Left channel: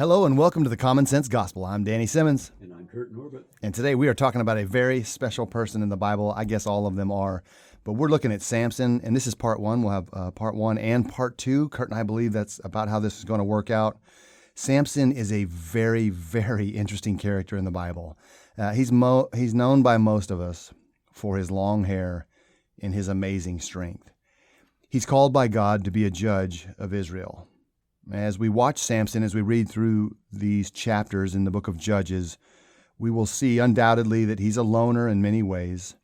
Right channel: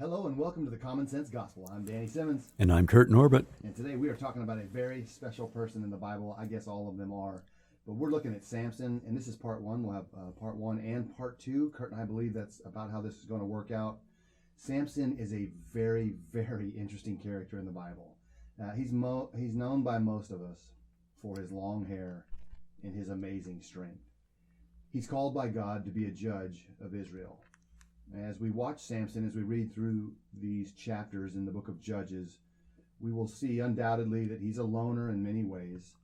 Hello and welcome to the Common Sense Gospel. I'm Danny Simmons. And I'm Kurt Norbert. And today we are talking about a very special person in the Bible. I guess all of them are. But we're looking at Samson, and this is part one. We'll have part one and part two. Kurt and I believe that's about how this is going to work out. Samson is a very, very interesting character in the Bible. He's known by most of us for his long hair and his amazing strength. He's called by God to be a judge of Israel. As we watch Samson, as we read through these chapters in the book of Judges, we will see undoubtedly that he's a loner in many ways.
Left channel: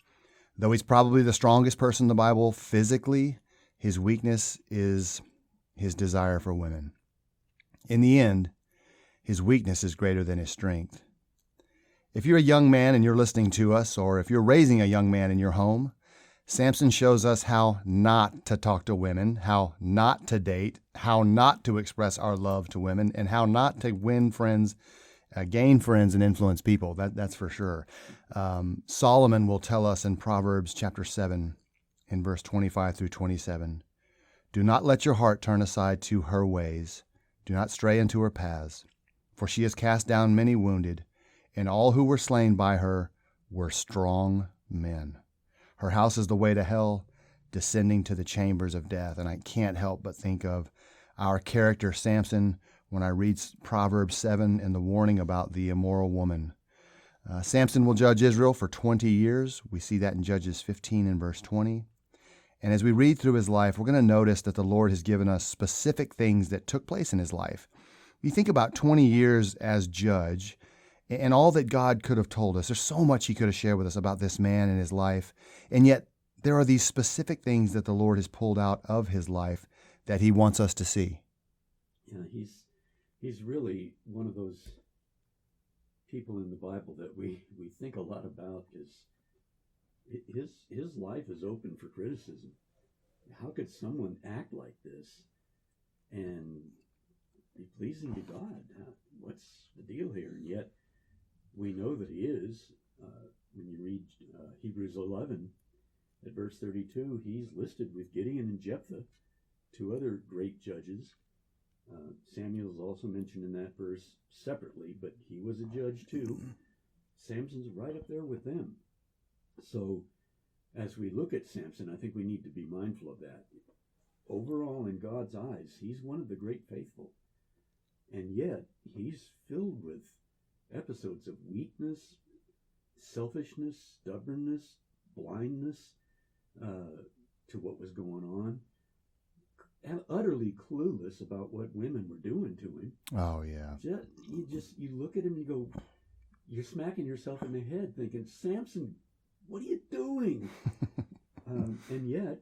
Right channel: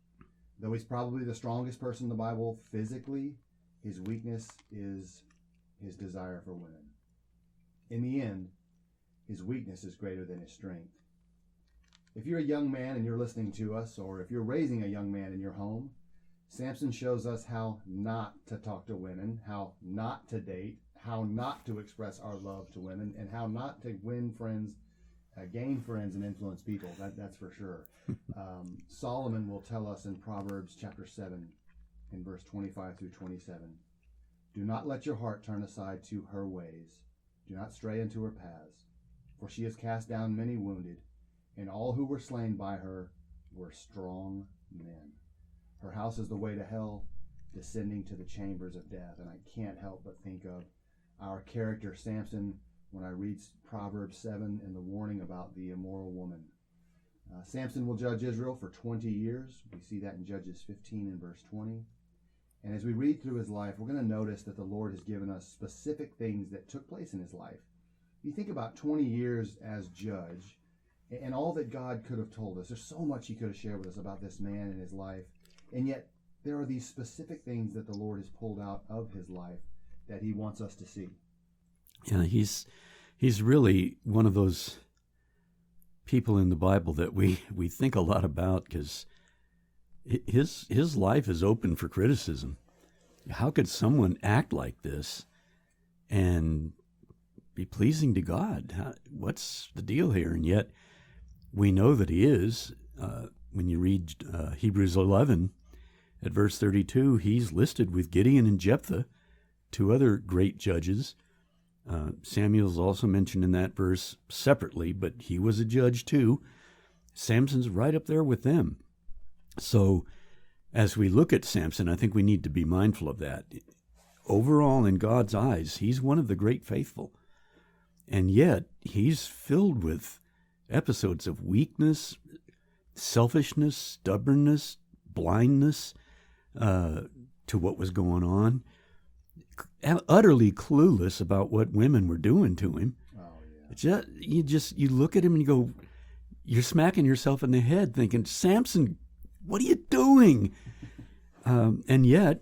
Though he's probably the strongest person in the Bible physically, his weakness is his desire for women. In the end, his weakness is greater than his strength. If you're a young man and you're listening to us, or if you're raising a young man in your home, Samson shows us how not to talk to women, how not to date, how not to express our love to women, and how not to win friends, gain friends, and influence people. That's for sure. Solomon will tell us in Proverbs chapter 7, in verse 25 through 27, "Do not let your heart turn aside to her ways. Do not stray into her paths. For she has cast down many wounded, and all who were slain by her were strong men. Her house is the way to hell, descending to the chambers of death." And I can't help but think of our character Samson when I read Proverbs 7 and the warning about the immoral woman. Samson will judge Israel for 20 years. We see that in Judges 15 and verse 20. And as we read through his life, we're going to notice that the Lord has given us specific things that took place in his life. You think about 20 years as judge and all that God could have told us. There's so much he could have shared with us about this man and his life. And yet there are these specific things that the Lord has pulled out of his life that he wants us to see. Yeah, he's really one of those people in the Bible that we think a lot about, because his life is open for criticism. How could someone act like this and be pleasing to God? What's the deal here? And yet we know that he is. When you read Hebrews 11 at verse 32, he's listed with Gideon and Jephthah, two other great judges. Samuel's also mentioned in that verse separately, but he was a judge too. Samson's right up there with them. So as we look at Samson, I think we need to be mindful of that. Overall, in God's eyes, he's one of the great faithful. And yet he's filled with episodes of weakness, selfishness, stubbornness, blindness to what was going on, utterly clueless about what women were doing to him. Oh, yeah. You look at him and you go, you're smacking yourself in the head thinking, Samson, what are you doing? And yet,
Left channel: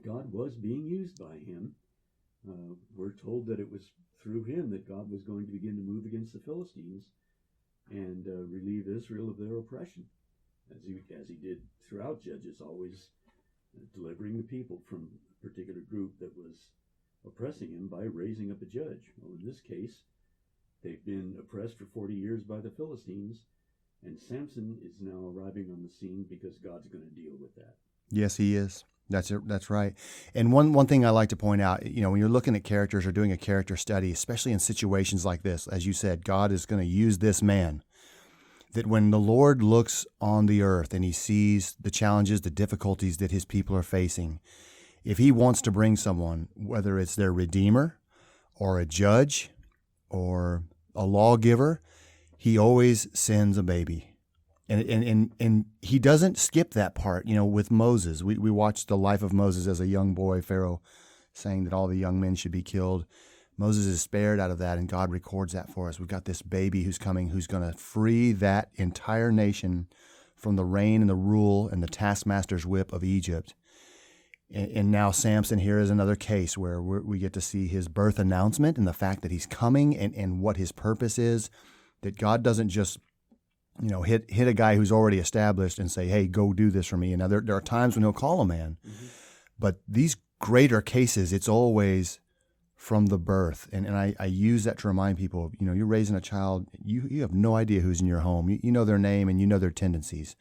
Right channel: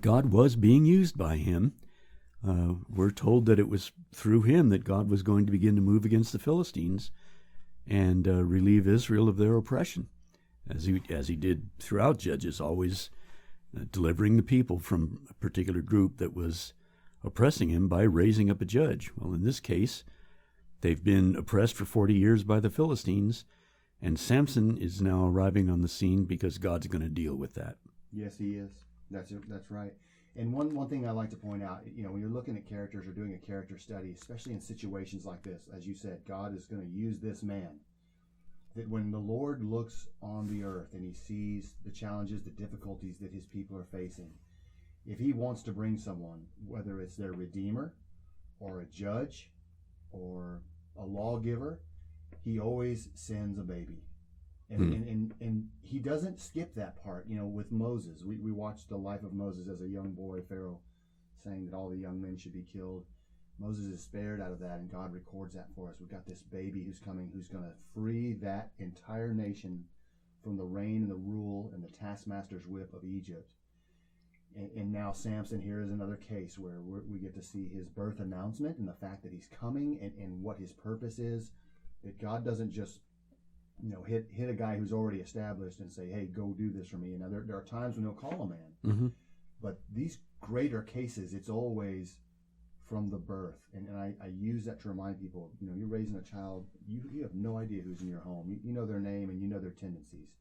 God was being used by him. We're told that it was through him that God was going to begin to move against the Philistines and relieve Israel of their oppression, as he did throughout Judges, always delivering the people from a particular group that was oppressing him by raising up a judge. Well, in this case, they've been oppressed for 40 years by the Philistines, and Samson is now arriving on the scene because God's going to deal with that. Yes, he is. That's right. And one thing I like to point out, when you're looking at characters or doing a character study, especially in situations like this, as you said, God is going to use this man. That when the Lord looks on the earth and he sees the challenges, the difficulties that his people are facing, if he wants to bring someone, whether it's their redeemer or a judge or a lawgiver, he always sends a baby. And he doesn't skip that part. With Moses, we watched the life of Moses as a young boy, Pharaoh saying that all the young men should be killed. Moses is spared out of that, and God records that for us. We've got this baby who's coming, who's going to free that entire nation from the reign and the rule and the taskmaster's whip of Egypt. And now Samson here is another case where we get to see his birth announcement and the fact that he's coming and what his purpose is, that God doesn't just hit a guy who's already established and say, hey, go do this for me. And there are times when he'll call a man. Mm-hmm. But these greater cases, it's always from the birth. And I use that to remind people, you're raising a child, you have no idea who's in your home. You know their name and you know their tendencies.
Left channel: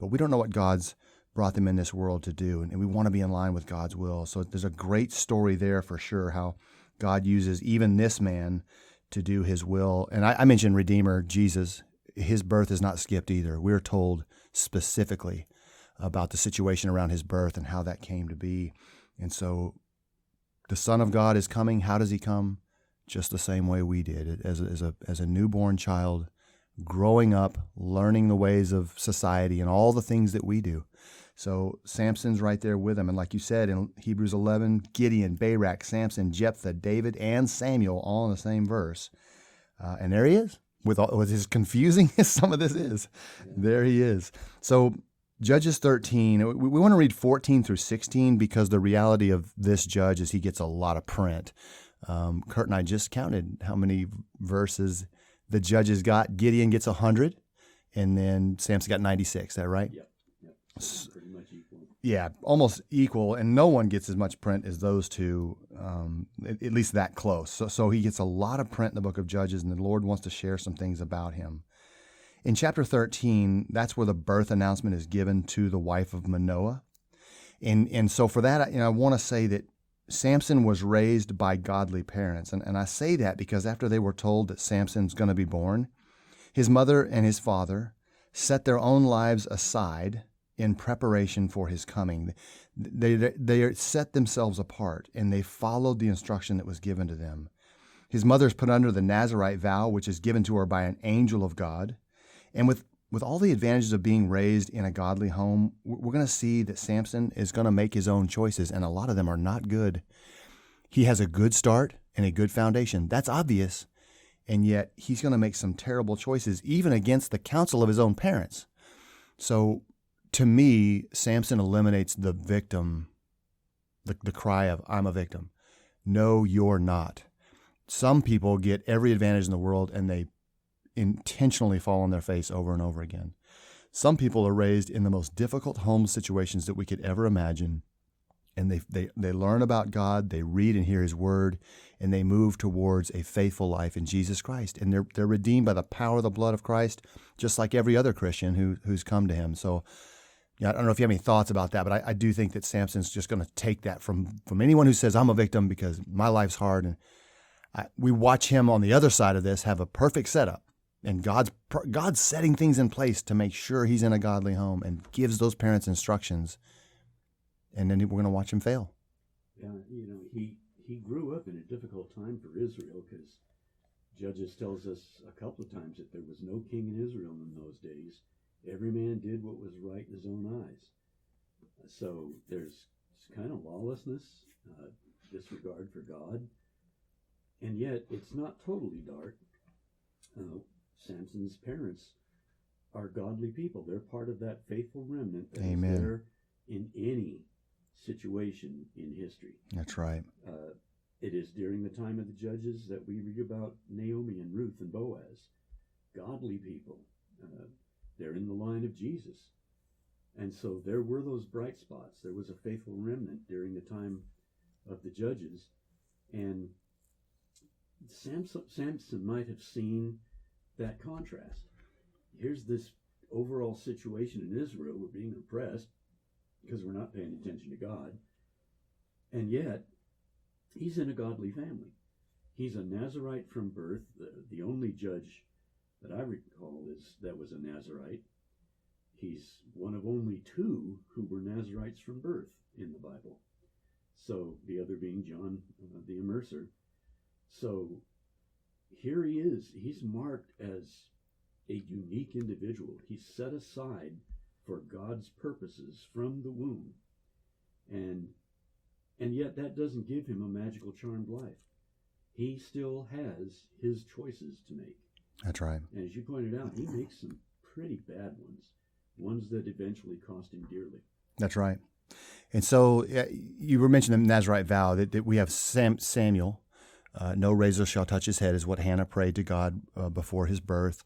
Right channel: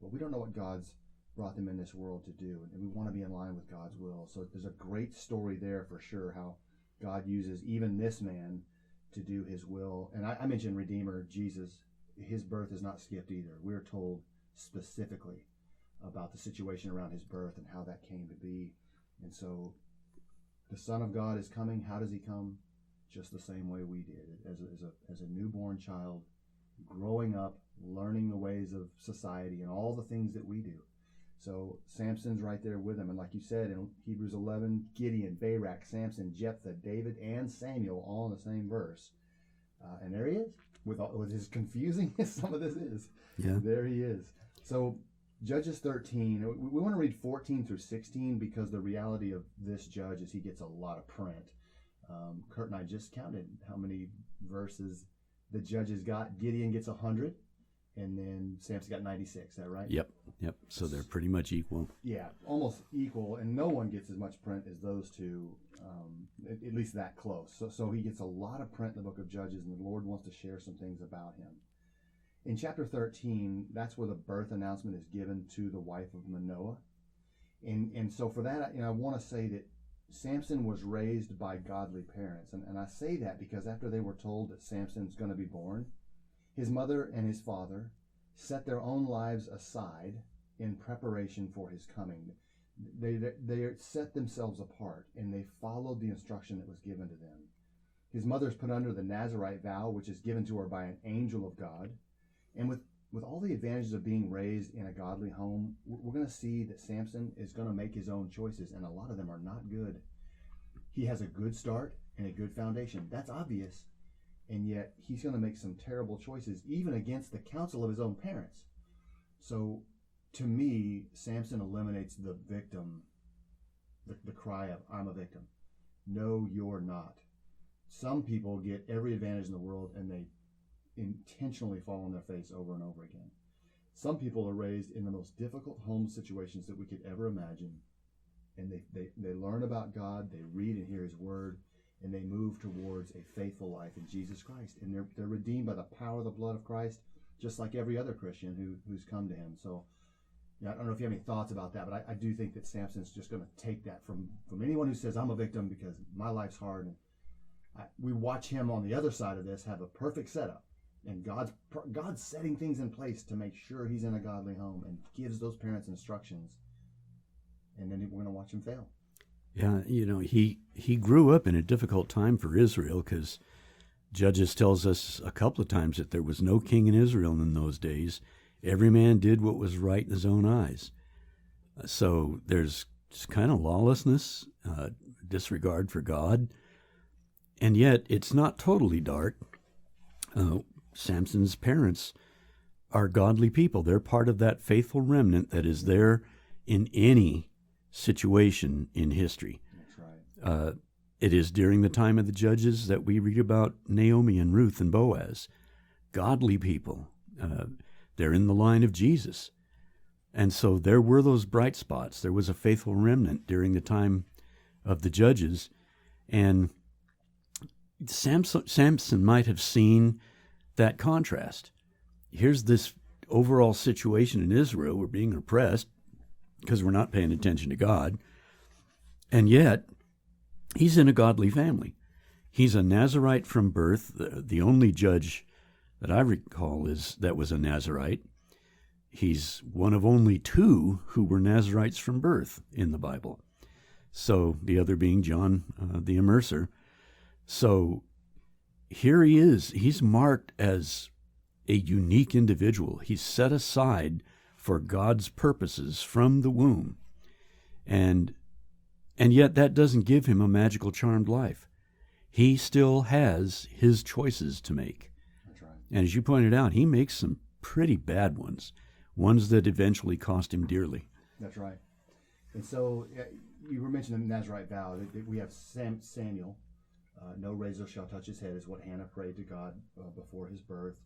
But we don't know what God's brought them in this world to do. And we want to be in line with God's will. So there's a great story there for sure, how God uses even this man to do his will. And I mentioned Redeemer, Jesus. His birth is not skipped either. We're told specifically about the situation around his birth and how that came to be. And so the Son of God is coming. How does he come? Just the same way we did, as a newborn child, growing up, learning the ways of society and all the things that we do. So Samson's right there with him. And like you said, in Hebrews 11, Gideon, Barak, Samson, Jephthah, David, and Samuel, all in the same verse. And there he is, with as confusing as some of this is. Yeah. There he is. So Judges 13, we want to read 14 through 16 because the reality of this judge is he gets a lot of print. Kurt and I just counted how many verses the judges got. Gideon gets 100, and then Samson got 96. Is that right? Yep. So they're pretty much equal. Yeah, almost equal, and no one gets as much print as those two, at least that close. So he gets a lot of print in the book of Judges, and the Lord wants to share some things about him. In chapter 13, that's where the birth announcement is given to the wife of Manoah. And so for that, I want to say that Samson was raised by godly parents. And I say that because after they were told that Samson's going to be born, his mother and his father set their own lives aside in preparation for his coming. They set themselves apart, and they followed the instruction that was given to them. His mother's put under the Nazirite vow, which is given to her by an angel of God. And with all the advantages of being raised in a godly home, we're going to see that Samson is going to make his own choices, and a lot of them are not good. He has a good start and a good foundation. That's obvious, and yet he's going to make some terrible choices, even against the counsel of his own parents. So to me, Samson eliminates the victim, the cry of, I'm a victim. No, you're not. Some people get every advantage in the world, and they intentionally fall on their face over and over again. Some people are raised in the most difficult home situations that we could ever imagine, and they learn about God, they read and hear his word, and they move towards a faithful life in Jesus Christ. And they're redeemed by the power of the blood of Christ, just like every other Christian who's come to him. So yeah, I don't know if you have any thoughts about that, but I do think that Samson's just going to take that from anyone who says, I'm a victim because my life's hard. And we watch him on the other side of this have a perfect setup. And God's setting things in place to make sure he's in a godly home and gives those parents instructions. And then we're going to watch him fail. Yeah, he grew up in a difficult time for Israel because Judges tells us a couple of times that there was no king in Israel in those days. Every man did what was right in his own eyes. So there's kind of lawlessness, disregard for God. And yet it's not totally dark. Samson's parents are godly people. They're part of that faithful remnant that is there in any situation in history. That's right. It is during the time of the judges that we read about Naomi and Ruth and Boaz. Godly people. They're in the line of Jesus. And so there were those bright spots. There was a faithful remnant during the time of the judges. And Samson might have seen that contrast. Here's this overall situation in Israel. We're being oppressed because we're not paying attention to God. And yet, he's in a godly family. He's a Nazirite from birth. The only judge that I recall that was a Nazirite. He's one of only two who were Nazirites from birth in the Bible. So the other being John the Immerser. So here he is. He's marked as a unique individual. He's set aside for God's purposes from the womb. And yet that doesn't give him a magical charmed life. He still has his choices to make. That's right. And as you pointed out, he makes some pretty bad ones that eventually cost him dearly. That's right. And so you were mentioning the Nazirite vow that we have Samuel. No razor shall touch his head is what Hannah prayed to God before his birth.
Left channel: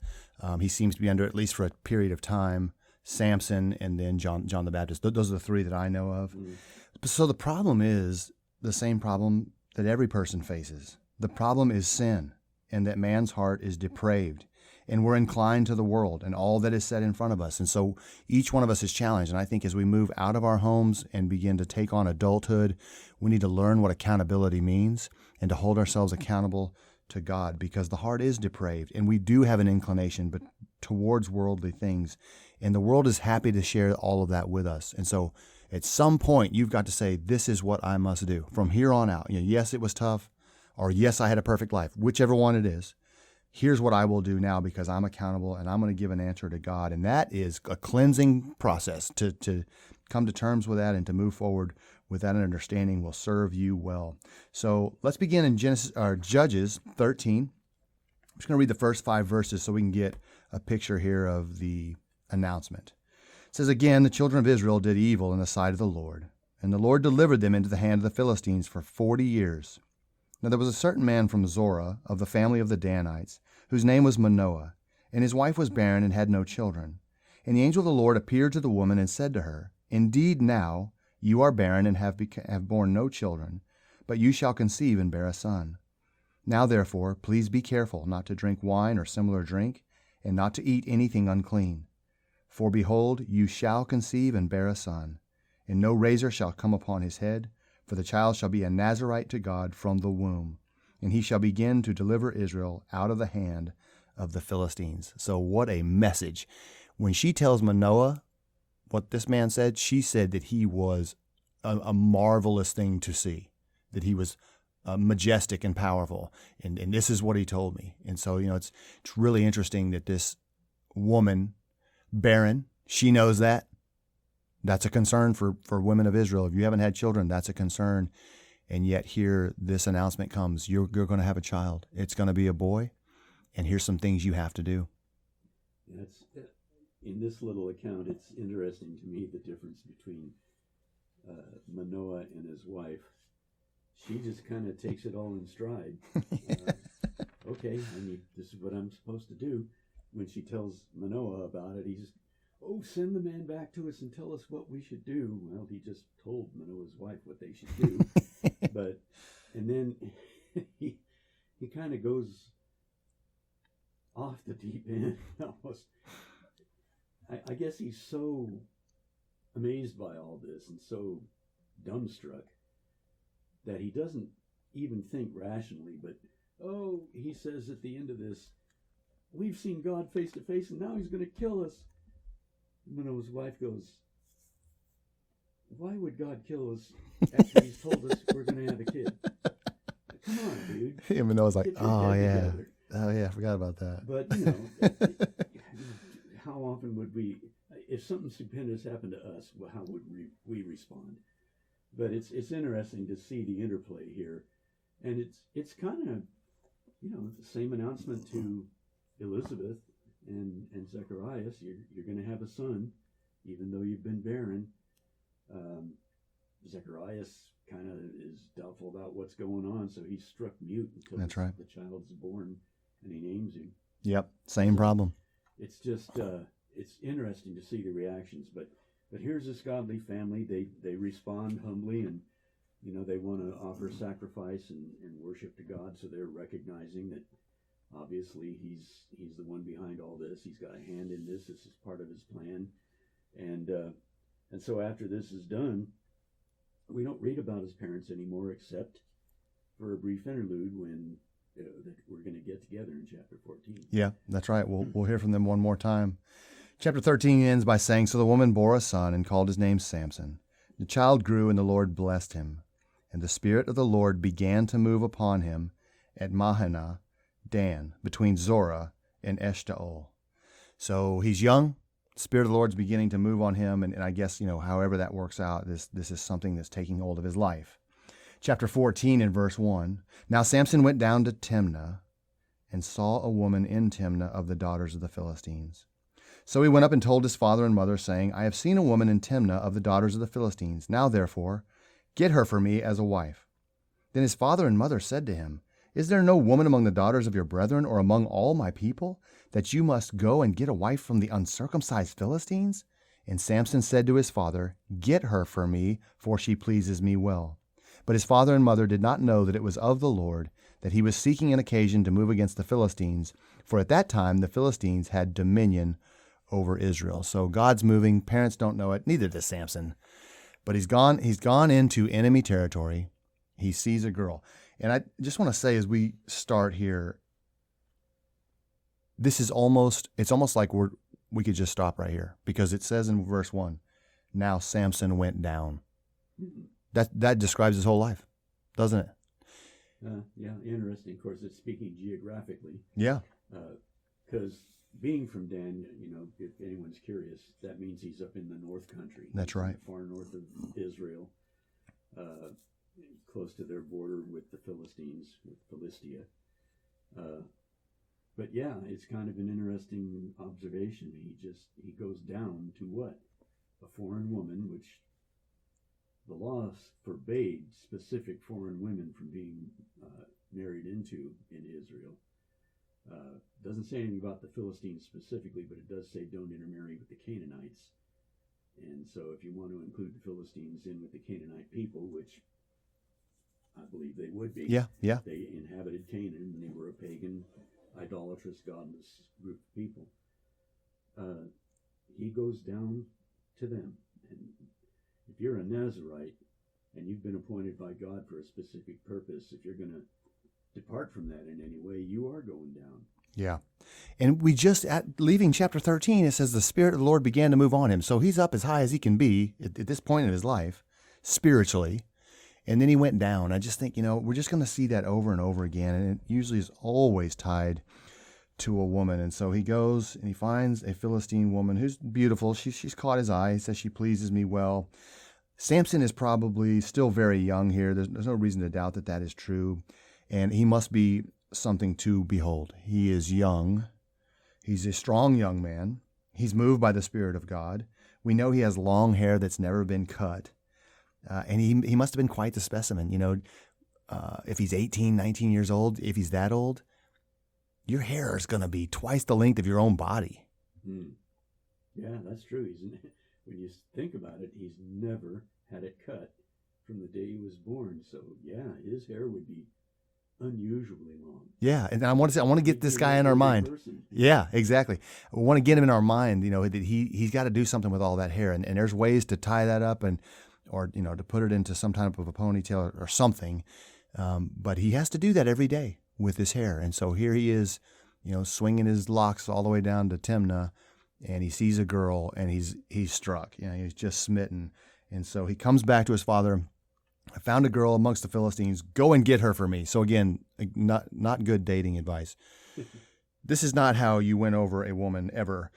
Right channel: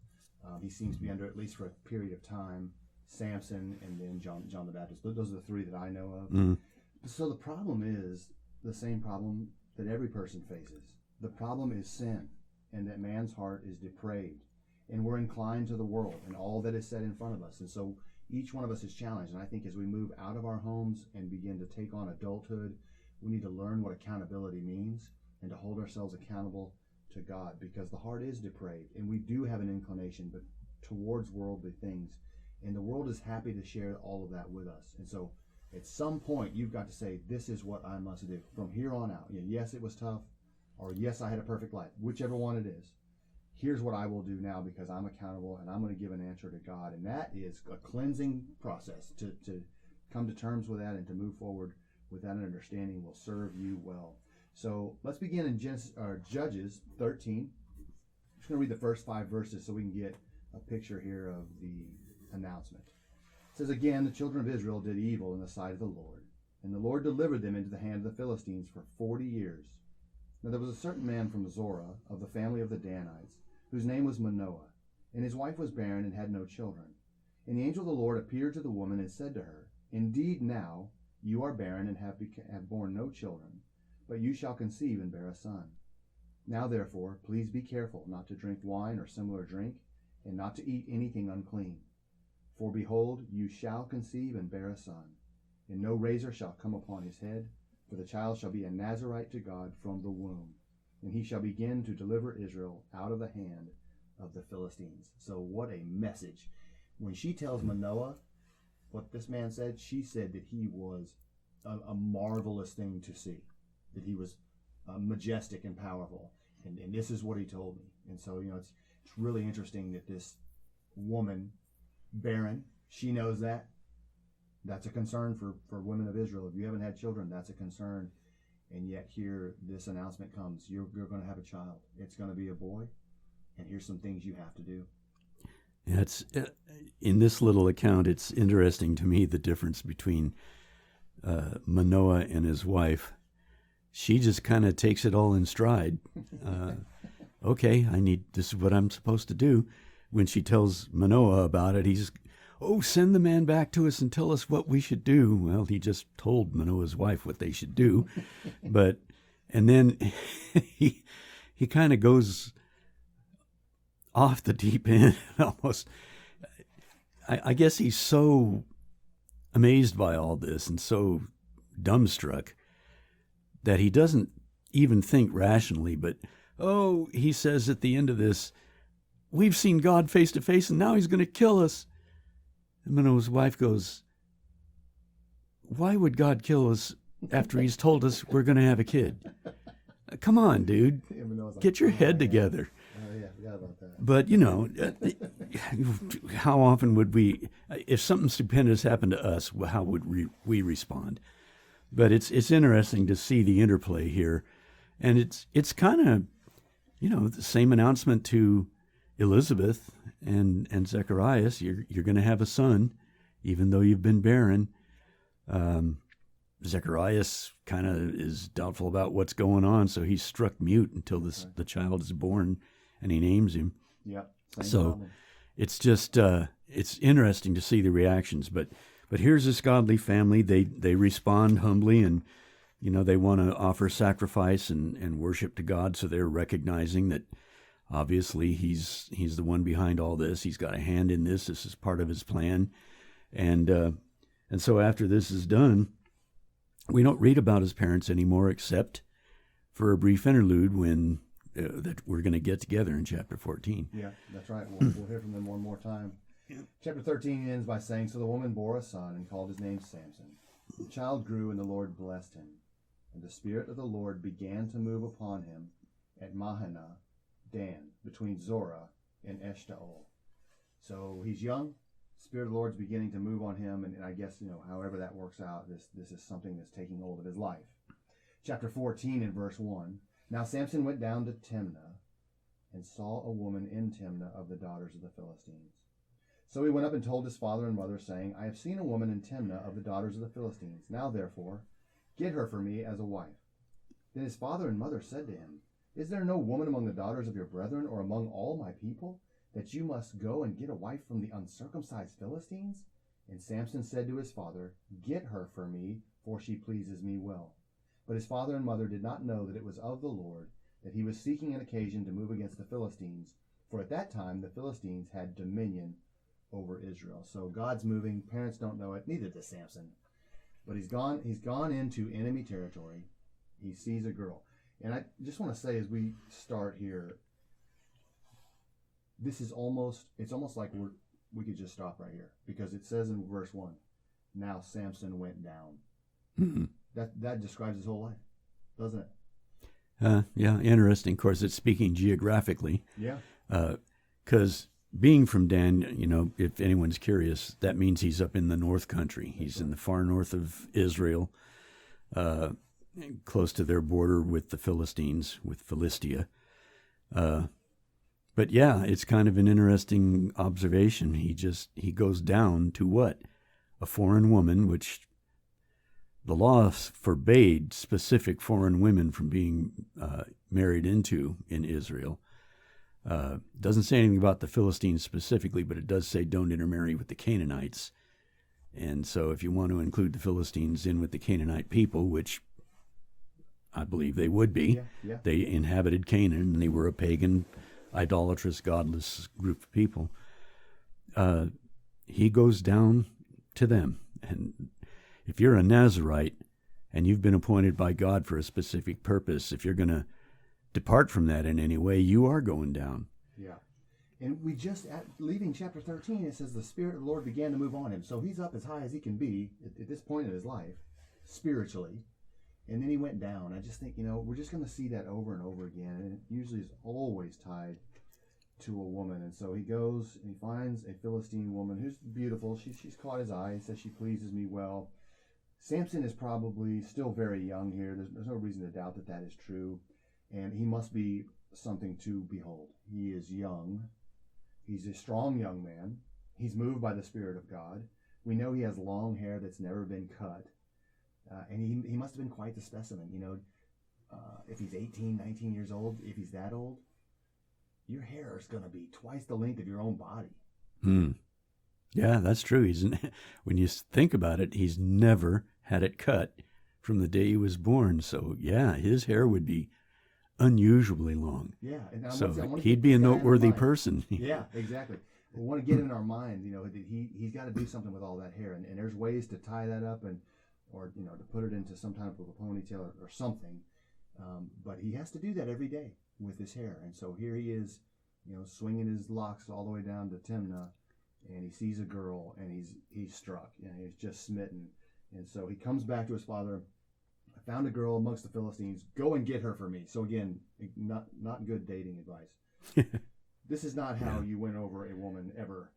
He seems to be under, at least for a period of time, Samson and then John the Baptist. Those are the three that I know of. Mm. So the problem is the same problem that every person faces. The problem is sin, and that man's heart is depraved, and we're inclined to the world and all that is set in front of us. And so each one of us is challenged. And I think as we move out of our homes and begin to take on adulthood, we need to learn what accountability means and to hold ourselves accountable to God, because the heart is depraved and we do have an inclination but towards worldly things. And the world is happy to share all of that with us. And so at some point, you've got to say, this is what I must do from here on out. Yes, it was tough, or yes, I had a perfect life, whichever one it is. Here's what I will do now because I'm accountable and I'm going to give an answer to God. And that is a cleansing process. To come to terms with that and to move forward with that understanding will serve you well. So let's begin in Judges 13. I'm just going to read the first 5 verses so we can get a picture here of the announcement. It says, again, the children of Israel did evil in the sight of the Lord, and the Lord delivered them into the hand of the Philistines for 40 years. Now there was a certain man from Zorah, of the family of the Danites, whose name was Manoah, and his wife was barren and had no children. And the angel of the Lord appeared to the woman and said to her, indeed now you are barren and have borne no children, but you shall conceive and bear a son. Now therefore, please be careful not to drink wine or similar drink, and not to eat anything unclean. For behold, you shall conceive and bear a son, and no razor shall come upon his head, for the child shall be a Nazirite to God from the womb, and he shall begin to deliver Israel out of the hand of the Philistines. So what a message. When she tells Manoah what this man said, she said that he was a marvelous thing to see, that he was majestic and powerful, and this is what he told me. And so, it's really interesting that this woman, barren, she knows that. That's a concern for women of Israel. If you haven't had children, that's a concern. And yet here, this announcement comes. You're going to have a child. It's going to be a boy, and here's some things you have to do. Yeah, in this little account, it's interesting to me the difference between Manoah and his wife. She just kind of takes it all in stride. Okay, this is what I'm supposed to do. When she tells Manoah about it, he's, send the man back to us and tell us what we should do. Well, he just told Manoah's wife what they should do. And then he kind of goes off the deep end almost. I guess he's so amazed by all this and so dumbstruck that he doesn't even think rationally, but, he says at the end of this, we've seen God face to face and now he's going to kill us. And Manoah's wife goes, why would God kill us after he's told us we're going to have a kid? Come on, dude. And Manoah's like, get your head together. Oh, yeah, I forgot about that. But, how often would we, if something stupendous happened to us, how would we respond? But it's interesting to see the interplay here. And it's kind of, the same announcement to Elizabeth and Zacharias. You're going to have a son, even though you've been barren. Zacharias kind of is doubtful about what's going on, so he's struck mute until the child is born, and he names him. Yep, same problem. It's just it's interesting to see the reactions. But here's this godly family. They respond humbly, and they want to offer sacrifice and worship to God. So they're recognizing that obviously he's the one behind all this. He's got a hand in this. This is part of his plan, and so after this is done, we don't read about his parents anymore, except for a brief interlude when that we're going to get together in chapter 14. Yeah, that's right. We'll hear from them one more time. Chapter 13 ends by saying, so the woman bore a son and called his name Samson. The child grew and the Lord blessed him. And the Spirit of the Lord began to move upon him at Mahaneh Dan, between Zorah and Eshtaol. So he's young. The Spirit of the Lord's beginning to move on him. And I guess, however that works out, this is something that's taking hold of his life. Chapter 14 and verse 1. Now Samson went down to Timnah and saw a woman in Timnah of the daughters of the Philistines. So he went up and told his father and mother, saying, I have seen a woman in Timnah of the daughters of the Philistines. Now therefore, get her for me as a wife. Then his father and mother said to him, Is there no woman among the daughters of your brethren or among all my people, that you must go and get a wife from the uncircumcised Philistines? And Samson said to his father, Get her for me, for she pleases me well. But his father and mother did not know that it was of the Lord, that he was seeking an occasion to move against the Philistines, for at that time the Philistines had dominion over Israel. So God's moving. Parents don't know it. Neither does Samson. But he's gone into enemy territory. He sees a girl. And I just want to say, as we start here, it's almost like we could just stop right here, because it says in verse 1, now Samson went down. Mm-hmm. That describes his whole life, doesn't it? Yeah, interesting. Of course, it's speaking geographically. Yeah. Because being from Dan, if anyone's curious, that means he's up in the North Country. That's he's right. in the far north of Israel, close to their border with the Philistines, with Philistia. But yeah, it's kind of an interesting observation. He goes down to what? A foreign woman, which the law forbade specific foreign women from being married into in Israel. Doesn't say anything about the Philistines specifically, but it does say don't intermarry with the Canaanites. And so if you want to include the Philistines in with the Canaanite people, which I believe they would be, yeah. They inhabited Canaan, and they were a pagan, idolatrous, godless group of people. He goes down to them. And if you're a Nazirite and you've been appointed by God for a specific purpose, if you're going to depart from that in any way, you are going down. Yeah. And we just, leaving chapter 13, it says the Spirit of the Lord began to move on him. So he's up as high as he can be at this point in his life, spiritually. And then he went down. I just think, we're just going to see that over and over again. And it usually is always tied to a woman. And so he goes and he finds a Philistine woman who's beautiful. She's caught his eye. He says, she pleases me well. Samson is probably still very young here. There's no reason to doubt that is true. And he must be something to behold. He is young. He's a strong young man. He's moved by the Spirit of God. We know he has long hair that's never been cut. And he must have been quite the specimen. If he's 18, 19 years old, if he's that old, your hair is going to be twice the length of your own body. Yeah, that's true. When you think about it, he's never had it cut from the day he was born. So yeah, his hair would be unusually long. Yeah, and I want to get this guy in our mind. Person. Yeah, exactly. We want to get him in our mind. That he's got to do something with all that hair, and there's ways to tie that up or to put it into some type of a ponytail or something. But he has to do that every day with his hair, and so here he is, swinging his locks all the way down to Timnah, and he sees a girl, and he's struck. He's just smitten, and so he comes back to his father. I found a girl amongst the Philistines. Go and get her for me. So again, not good dating advice. This is not how you win over a woman ever.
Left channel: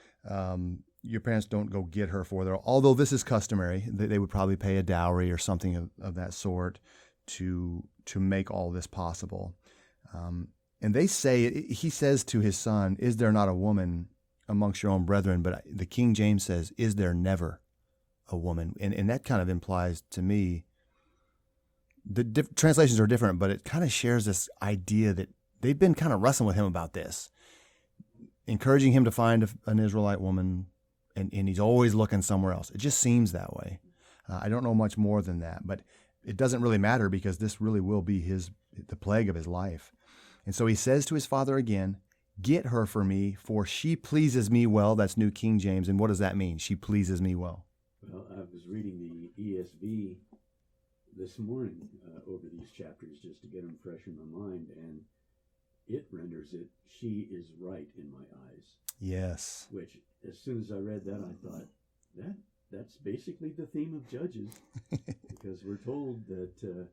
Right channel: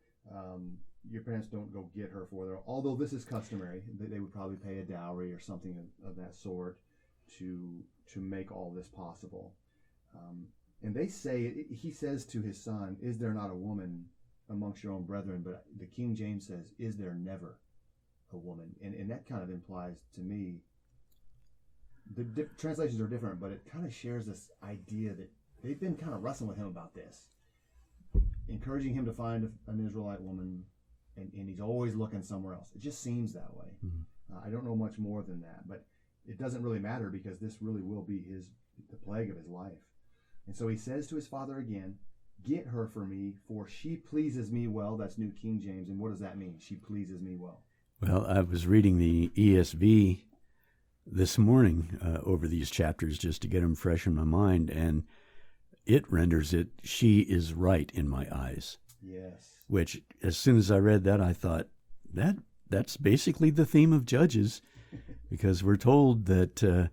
Your parents don't go get her for them. Although this is customary, they would probably pay a dowry or something of that sort to make all this possible. And they say, he says to his son, "Is there not a woman amongst your own brethren?" But the King James says, "Is there never a woman?" And that kind of implies to me, the translations are different, but it kind of shares this idea that they've been kind of wrestling with him about this, encouraging him to find an Israelite woman, and he's always looking somewhere else. It just seems that way. I don't know much more than that, but it doesn't really matter, because this really will be the plague of his life. And so he says to his father again, "Get her for me, for she pleases me well." That's New King James. And what does that mean? She pleases me well. Well, I was reading the ESV this morning over these chapters just to get them fresh in my mind, and it renders it, "She is right in my eyes." Yes. Which, as soon as I read that, I thought, that's basically the theme of Judges, because we're told that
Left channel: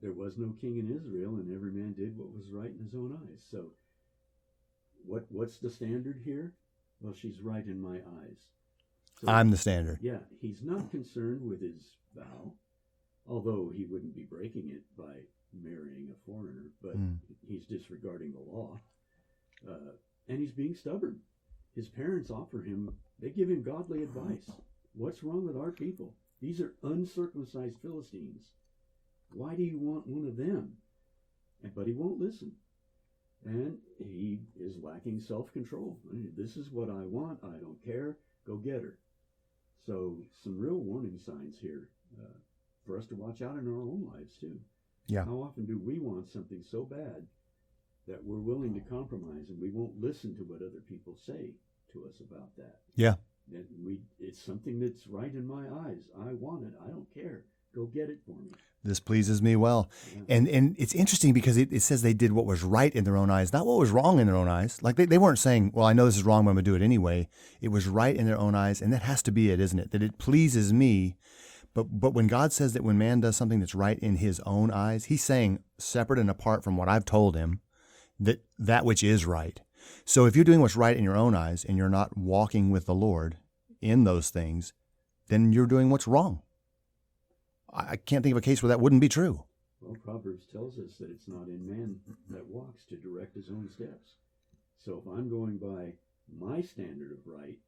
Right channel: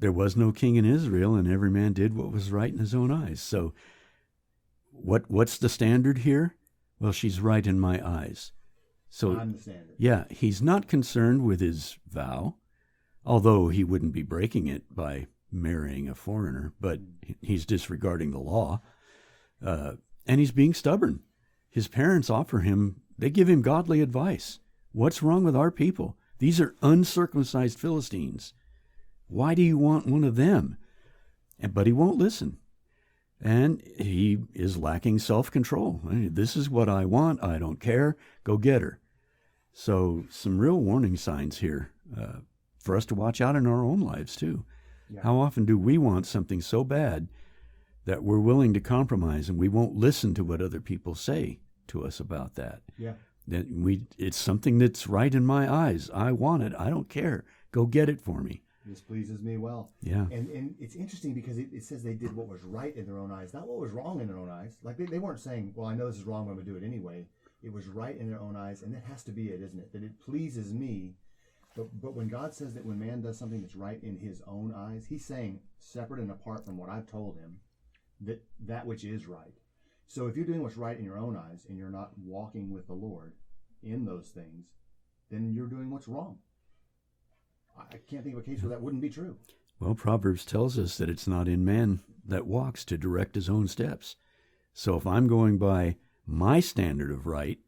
there was no king in Israel, and every man did what was right in his own eyes. So what's the standard here? Well, she's right in my eyes. So I'm the standard. Yeah, he's not concerned with his vow, although he wouldn't be breaking it by marrying a foreigner, but he's disregarding the law. And he's being stubborn. His parents they give him godly advice. What's wrong with our people? These are uncircumcised Philistines. Why do you want one of them? But he won't listen. And he is lacking self-control. This is what I want. I don't care. Go get her. So some real warning signs here for us to watch out in our own lives too. Yeah. How often do we want something so bad that we're willing to compromise, and we won't listen to what other people say to us about that? Yeah. It's something that's right in my eyes. I want it. I don't care. Go get it for me. This pleases me well. Yeah. And it's interesting because it says they did what was right in their own eyes, not what was wrong in their own eyes. Like they weren't saying, well, I know this is wrong, but I'm going to do it anyway. It was right in their own eyes. And that has to be it, isn't it? That it pleases me. But when God says that when man does something that's right in his own eyes, he's saying separate and apart from what I've told him, that which is right. So if you're doing what's right in your own eyes and you're not walking with the Lord in those things, then you're doing what's wrong. I can't think of a case where that wouldn't be true. Well, Proverbs tells us that it's not in man that walks to direct his own steps. So if I'm going by my standard of right,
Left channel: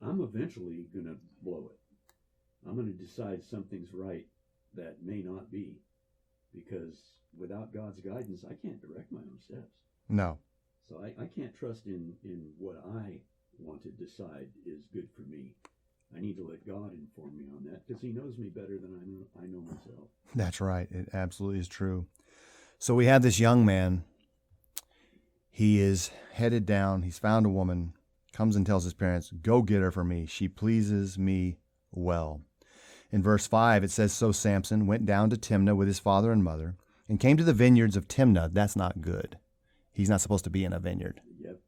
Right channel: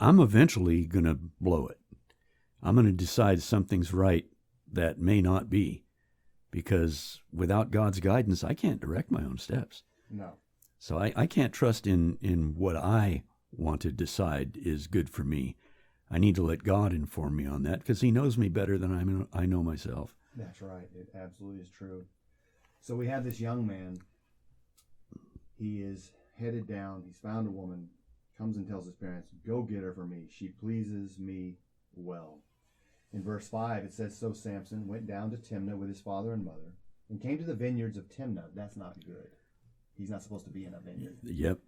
I'm eventually going to blow it. I'm going to decide something's right that may not be, because without God's guidance, I can't direct my own steps. No. So I can't trust in what I want to decide is good for me. I need to let God inform me on that because he knows me better than I know myself. That's right. It absolutely is true. So we have this young man. He is headed down. He's found a woman, comes and tells his parents, go get her for me. She pleases me well. In verse 5, it says, so Samson went down to Timnah with his father and mother and came to the vineyards of Timnah. That's not good. He's not supposed to be in a vineyard. Yep.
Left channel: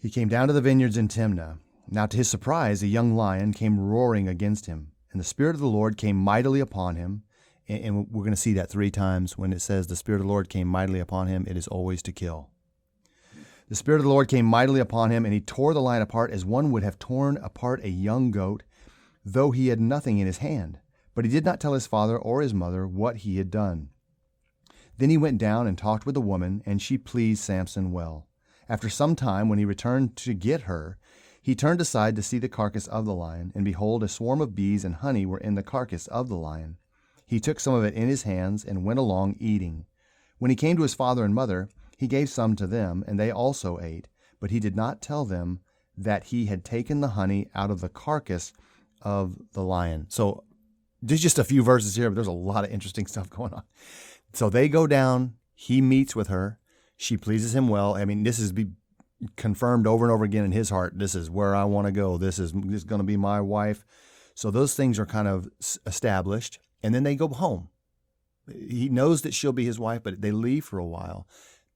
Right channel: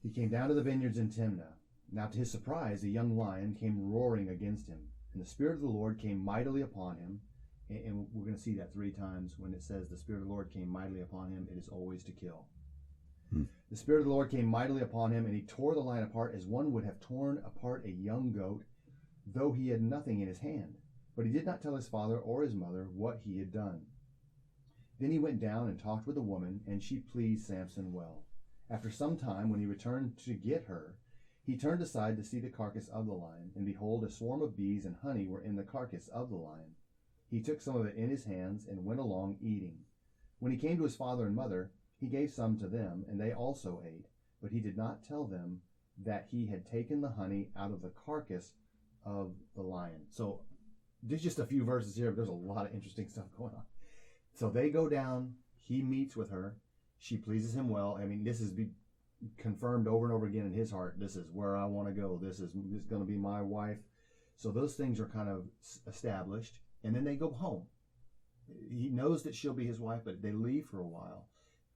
He came down to the vineyards in Timnah. Now to his surprise, a young lion came roaring against him, and the Spirit of the Lord came mightily upon him. And we're going to see that 3 times when it says the Spirit of the Lord came mightily upon him. It is always to kill. The Spirit of the Lord came mightily upon him, and he tore the lion apart as one would have torn apart a young goat, though he had nothing in his hand. But he did not tell his father or his mother what he had done. Then he went down and talked with the woman, and she pleased Samson well. After some time, when he returned to get her, he turned aside to see the carcass of the lion, and behold, a swarm of bees and honey were in the carcass of the lion. He took some of it in his hands and went along eating. When he came to his father and mother, he gave some to them, and they also ate. But he did not tell them that he had taken the honey out of the carcass of the lion. So there's just a few verses here, but there's a lot of interesting stuff going on. So they go down. He meets with her. She pleases him well. I mean, this is confirmed over and over again in his heart. This is where I want to go. This is going to be my wife. So those things are kind of established. And then they go home. He knows that she'll be his wife, but they leave for a while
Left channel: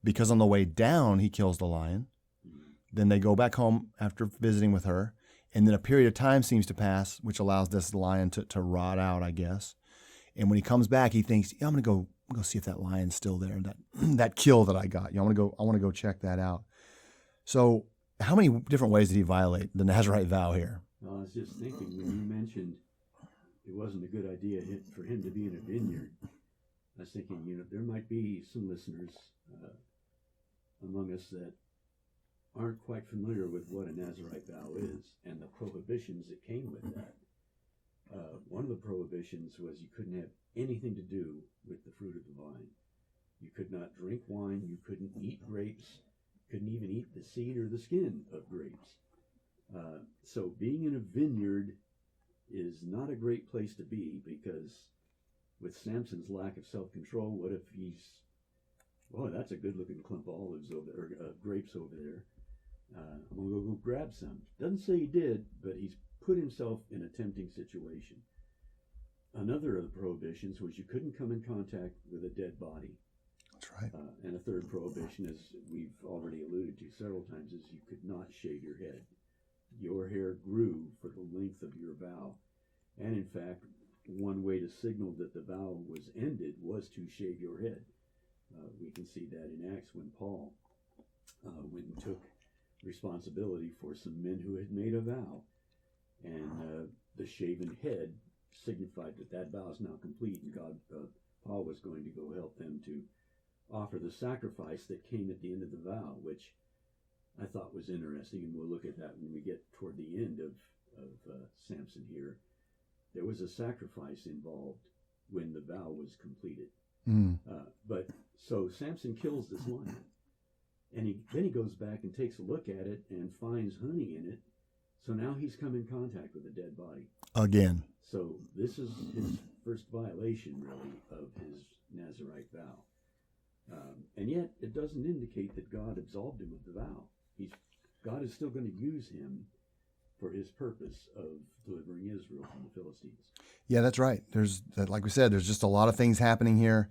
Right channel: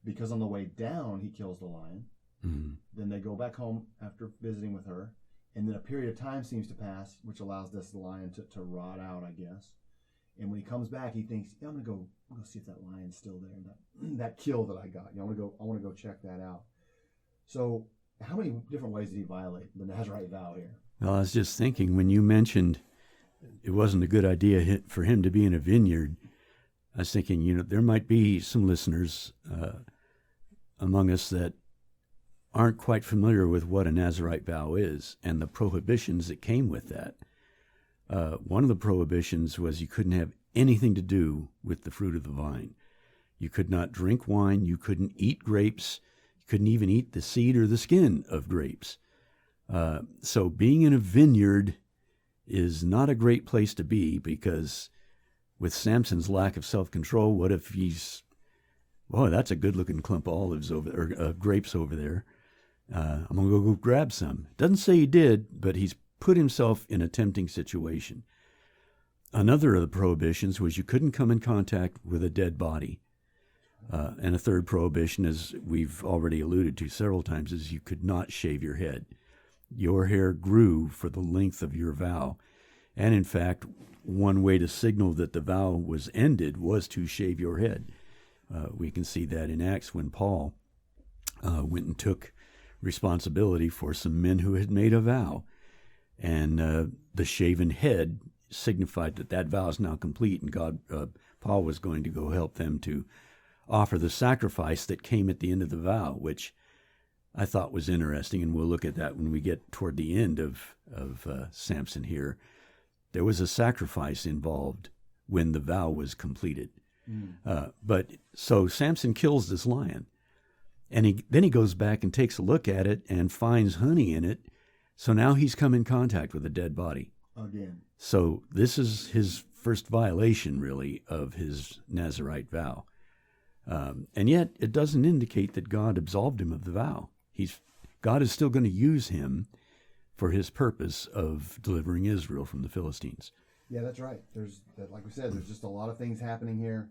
because on the way down, he kills the lion. Mm-hmm. Then they go back home after visiting with her. And then a period of time seems to pass, which allows this lion to rot out, I guess. And when he comes back, he thinks, yeah, I'm going to go see if that lion's still there. That kill that I got. I want to go check that out. So how many different ways did he violate the Nazirite vow here? Well, I was just thinking when you mentioned it wasn't a good idea for him to be in a vineyard, I was thinking, there might be some listeners among us that aren't quite familiar with what a Nazirite vow is and the prohibitions that came with that. One of the prohibitions was you couldn't have anything to do with the fruit of the vine. You could not drink wine. You couldn't eat grapes. You couldn't even eat the seed or the skin of grapes. So being in a vineyard is not a great place to be, because with Samson's lack of self-control, what if that's a good-looking clump of olives grapes over there. I'm going to go grab some. Doesn't say he did, but he's put himself in a tempting situation. Another of the prohibitions was you couldn't come in contact with a dead body. That's right. And a third prohibition, as we've already alluded to several times, is you could not shave your head. Your hair grew for the length of your vow. And in fact, one way to signal that the vow was ended was to shave your head. We can see that in Acts when Paul went and took responsibility for some men who had made a vow. And the shaven head signified that vow is now complete, and Paul was going to go help them to offer the sacrifice that came at the end of the vow, which I thought was interesting, and we'll look at that when we get toward the end of Samson here. There was a sacrifice involved when the vow was completed. But so Samson kills this lion, and then he goes back and takes a look at it and finds honey in it. So now he's come in contact with a dead body. Again. So this is his first violation, really, of his Nazirite vow. And yet it doesn't indicate that God absolved him of the vow. God is still going to use him for his purpose of delivering Israel from the Philistines. Yeah, that's right. Like we said, there's just a lot of things happening here.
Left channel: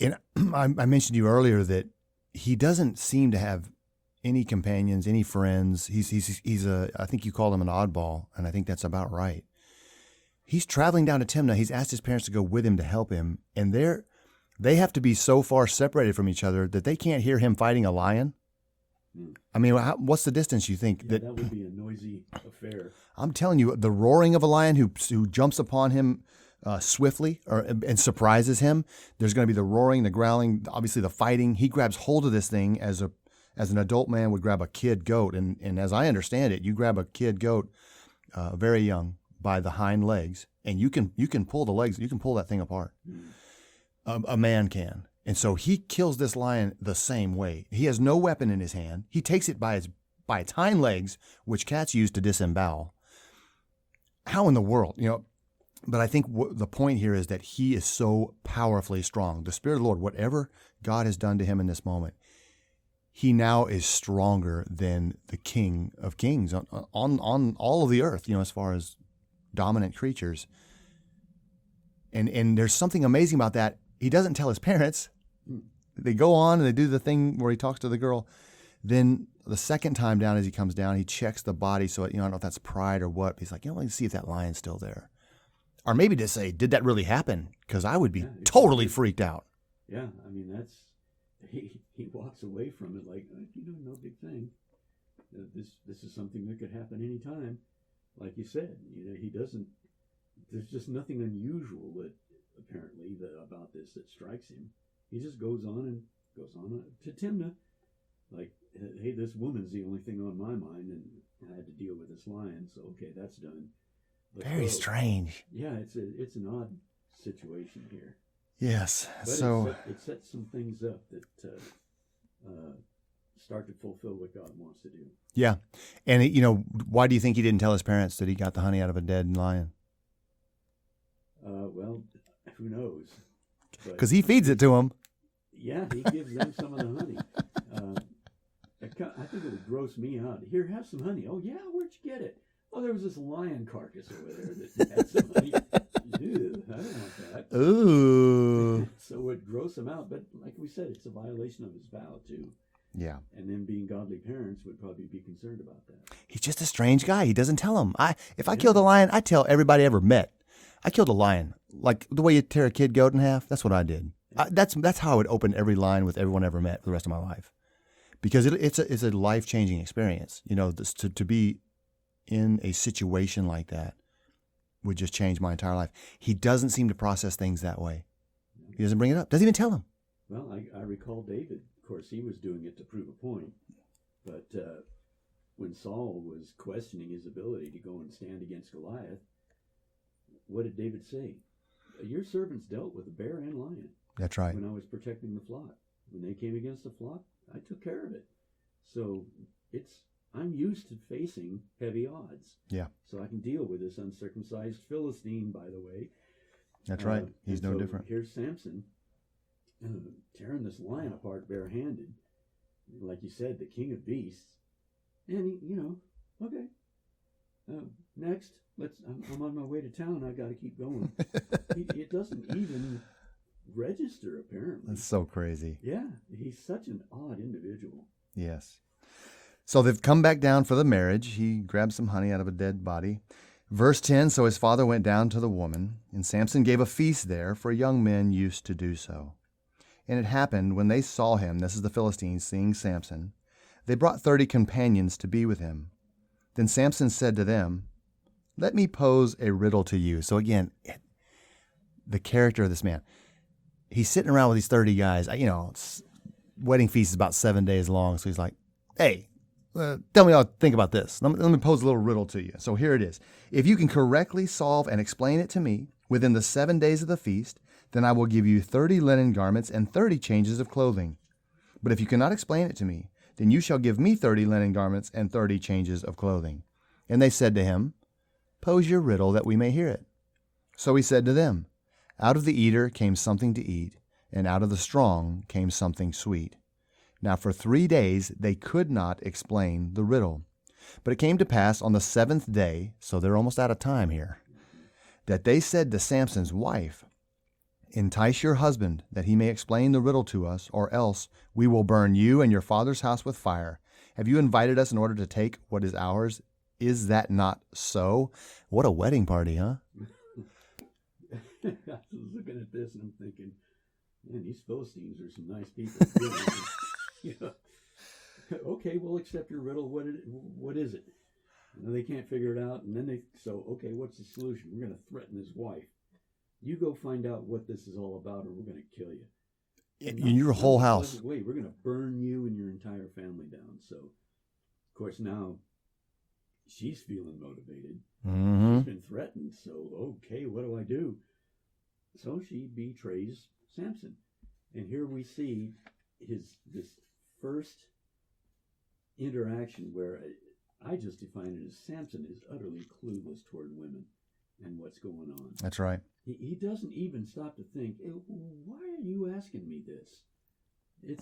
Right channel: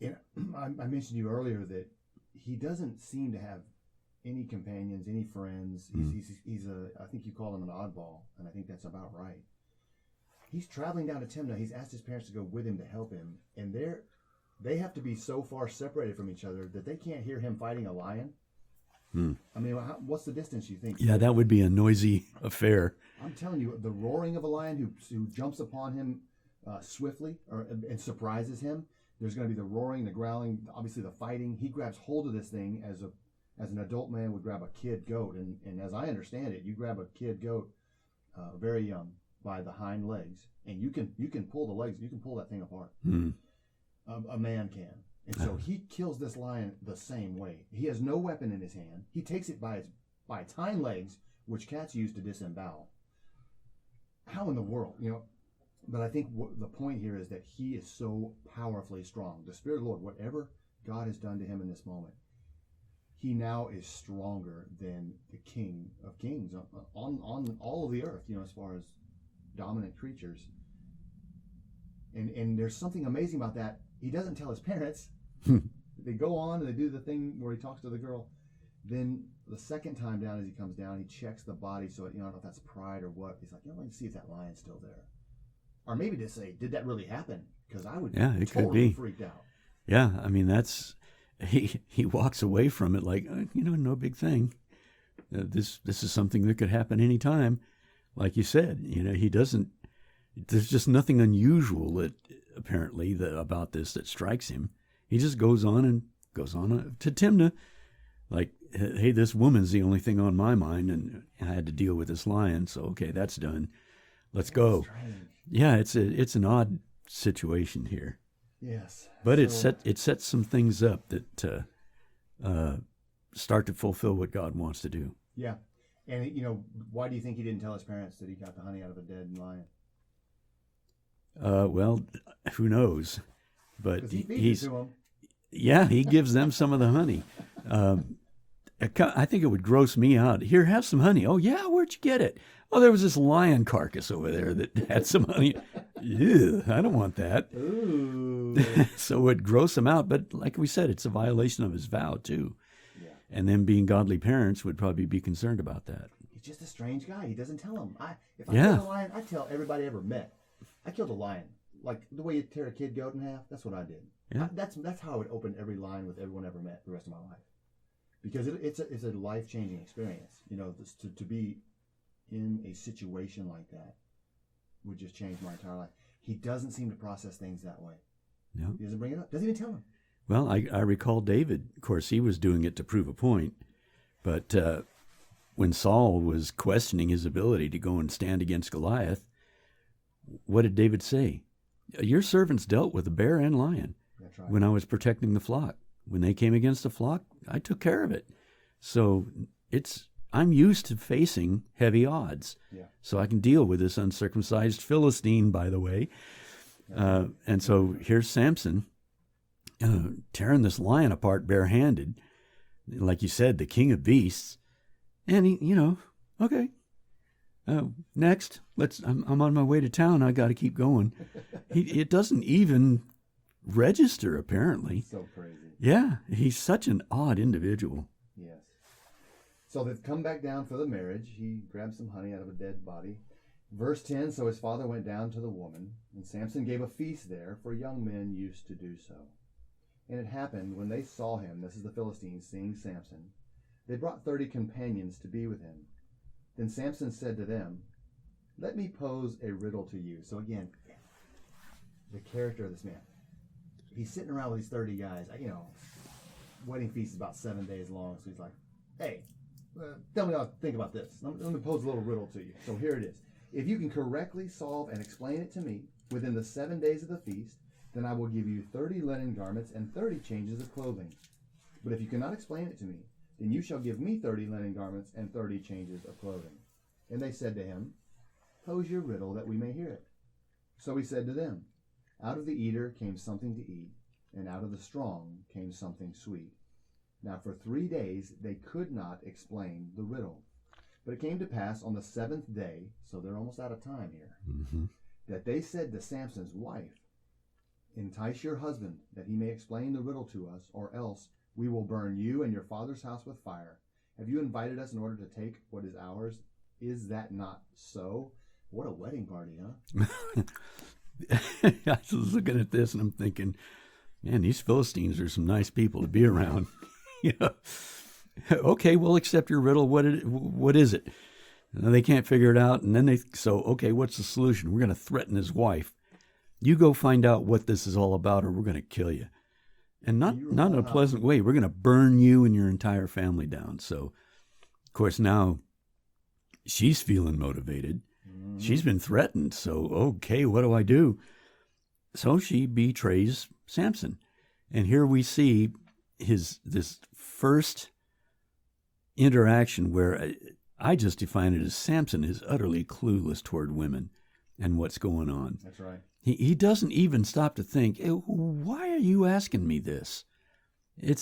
And I mentioned to you earlier that he doesn't seem to have any companions, any friends. I think you called him an oddball, and I think that's about right. He's traveling down to Timnah. He's asked his parents to go with him to help him, and they have to be so far separated from each other that they can't hear him fighting a lion. I mean, what's the distance, you think? Yeah, that would be a noisy affair. I'm telling you, the roaring of a lion who jumps upon him swiftly and surprises him. There's going to be the roaring, the growling, obviously the fighting. He grabs hold of this thing as an adult man would grab a kid goat. And as I understand it, you grab a kid goat very young by the hind legs, and you can pull the legs, you can pull that thing apart. A man can. And so he kills this lion the same way. He has no weapon in his hand. He takes it by its hind legs, which cats use to disembowel. How in the world, But I think the point here is that he is so powerfully strong. The Spirit of the Lord, whatever God has done to him in this moment, he now is stronger than the King of Kings on all of the earth, as far as dominant creatures. And there's something amazing about that. He doesn't tell his parents. They go on and they do the thing where he talks to the girl. Then the second time down, as he comes down, he checks the body. So, I don't know if that's pride or what. He's like, let's see if that lion's still there. Or maybe to say, did that really happen? Because I would be totally freaked out. Yeah, I mean, he walks away from it like, no big thing. This is something that could happen anytime. Like you said, he doesn't, there's just nothing unusual apparently about this that strikes him. He just goes on to Timnah like, hey, this woman's the only thing on my mind, and I had to deal with this lion, so okay, that's done. Let's go. Very strange. Yeah, it's an odd situation here. Yes. But it sets some things up that start to fulfill what God wants to do. Yeah. And, why do you think he didn't tell his parents that he got the honey out of a dead lion? Well, who knows? Because he feeds it to them. Yeah, he gives them some of the honey. I think it would gross me out. Here, have some honey. Oh, yeah, where'd you get it? Oh, there was this lion carcass over there that had some honey. Ew, I don't want that. Ooh. So it would gross him out. But like we said, it's a violation of his vow, too. Yeah. And them being godly parents would probably be concerned about that. He's just a strange guy. He doesn't tell them. If I killed a lion, I tell everybody I ever met. I killed a lion. Like the way you tear a kid goat in half, that's what I did. Yeah. That's how I would open every line with everyone I ever met for the rest of my life. Because it's a life-changing experience. To be in a situation like that would just change my entire life. He doesn't seem to process things that way. No. He doesn't bring it up. Doesn't even tell him. Well, I recall David. Of course, he was doing it to prove a point. But when Saul was questioning his ability to go and stand against Goliath, what did David say? Your servants dealt with a bear and lion. That's right. When I was protecting the flock. When they came against the flock, I took care of it. So I'm used to facing heavy odds. Yeah. So I can deal with this uncircumcised Philistine, by the way. That's right. And so here's Samson tearing this lion apart barehanded. Like you said, the king of beasts. And he, okay. Next, I'm on my way to town. I got to keep going. It doesn't even register, apparently. It's so crazy. Yeah, he's such an odd individual. Yes. So they've come back down for the marriage. He grabs some honey out of a dead body. Verse 10, so his father went down to the woman, and Samson gave a feast there, for young men used to do so. And it happened when they saw him, this is the Philistines seeing Samson, they brought 30 companions to be with him. Then Samson said to them, let me pose a riddle to you. So again, the character of this man. He's sitting around with these 30 guys. Wedding feast is about 7 days long. So he's like, hey, tell me what you think about this. Let me pose a little riddle to you. So here it is. If you can correctly solve and explain it to me within the 7 days of the feast, then I will give you 30 linen garments and 30 changes of clothing. But if you cannot explain it to me, then you shall give me 30 linen garments and 30 changes of clothing. And they said to him, pose your riddle that we may hear it. So he said to them, out of the eater came something to eat, and out of the strong came something sweet. Now for 3 days they could not explain the riddle. But it came to pass on the 7th day, so they're almost out of time here, that they said to Samson's wife, "Entice your husband, that he may explain the riddle to us, or else we will burn you and your father's house with fire. Have you invited us in order to take what is ours? Is that not so?" What a wedding party, huh? I was looking at this and I'm thinking, man, these Philistines are some nice people to be around. You know, okay, we'll accept your riddle. What is it? And they can't figure it out. And then okay, what's the solution? We're going to threaten his wife. You go find out what this is all about, or we're going to kill you. And not your not whole in a house. pleasant way. We're going to burn you and your entire family down. So, of course, now she's feeling motivated. Mm-hmm. She's been threatened. So, okay, what do I do? So she betrays Samson. And here we see this first interaction where I just define it as Samson is utterly clueless toward women and what's going on. That's right. He doesn't even stop to think, why are you asking me this? He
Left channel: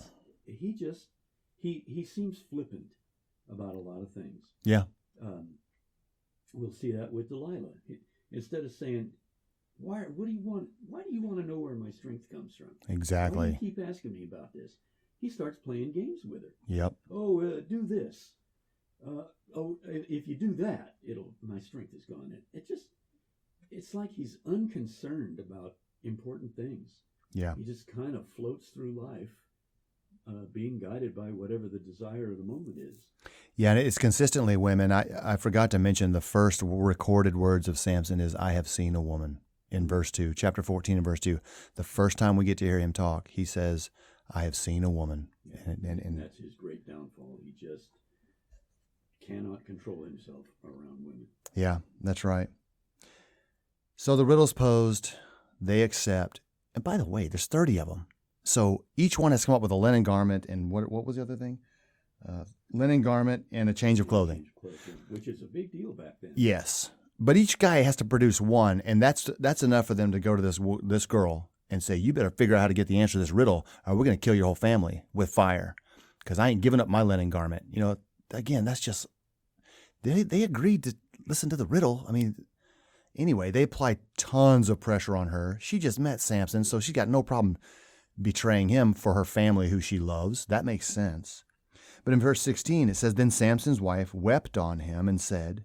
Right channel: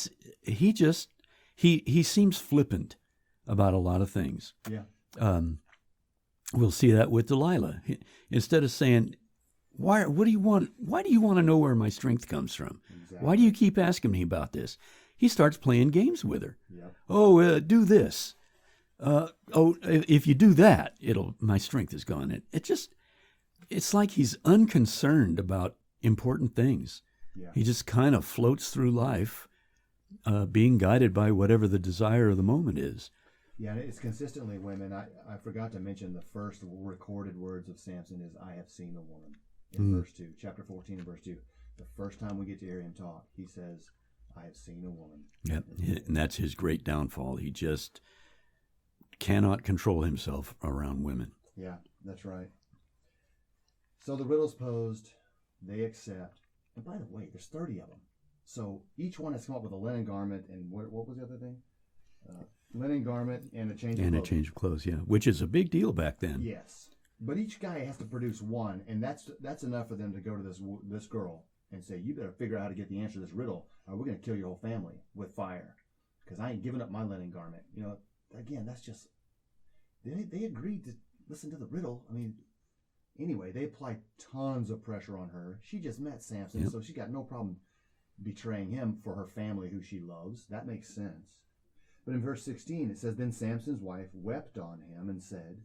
seems flippant about a lot of things. Yeah. We'll see that with Delilah. Instead of saying, what do you want? Why do you want to know where my strength comes from? Exactly. Why do you keep asking me about this? He starts playing games with her. Yep. Oh, do this. If you do that, my strength is gone. It's like he's unconcerned about important things. Yeah. He just kind of floats through life, being guided by whatever the desire of the moment is. Yeah, and it's consistently women. I forgot to mention the first recorded words of Samson is, "I have seen a woman," in verse 2, chapter 14 and verse 2. The first time we get to hear him talk, he says, "I have seen a woman." Yeah, and that's his great downfall. He just cannot control himself around women. Yeah, that's right. So the riddle's posed, they accept. And by the way, there's 30 of them. So each one has come up with a linen garment and what was the other thing? Linen garment and a change of clothing. A change of clothes, yeah, which is a big deal back then. Yes. But each guy has to produce one, and that's enough for them to go to this girl and say, "You better figure out how to get the answer to this riddle, or we're going to kill your whole family with fire, because I ain't giving up my linen garment." You know, again, that's just, they agreed to listen to the riddle. I mean, anyway, they apply tons of pressure on her. She just met Samson, so she got no problem betraying him for her family who she loves. That makes sense. But in verse 16, it says, "Then Samson's wife wept on him and said,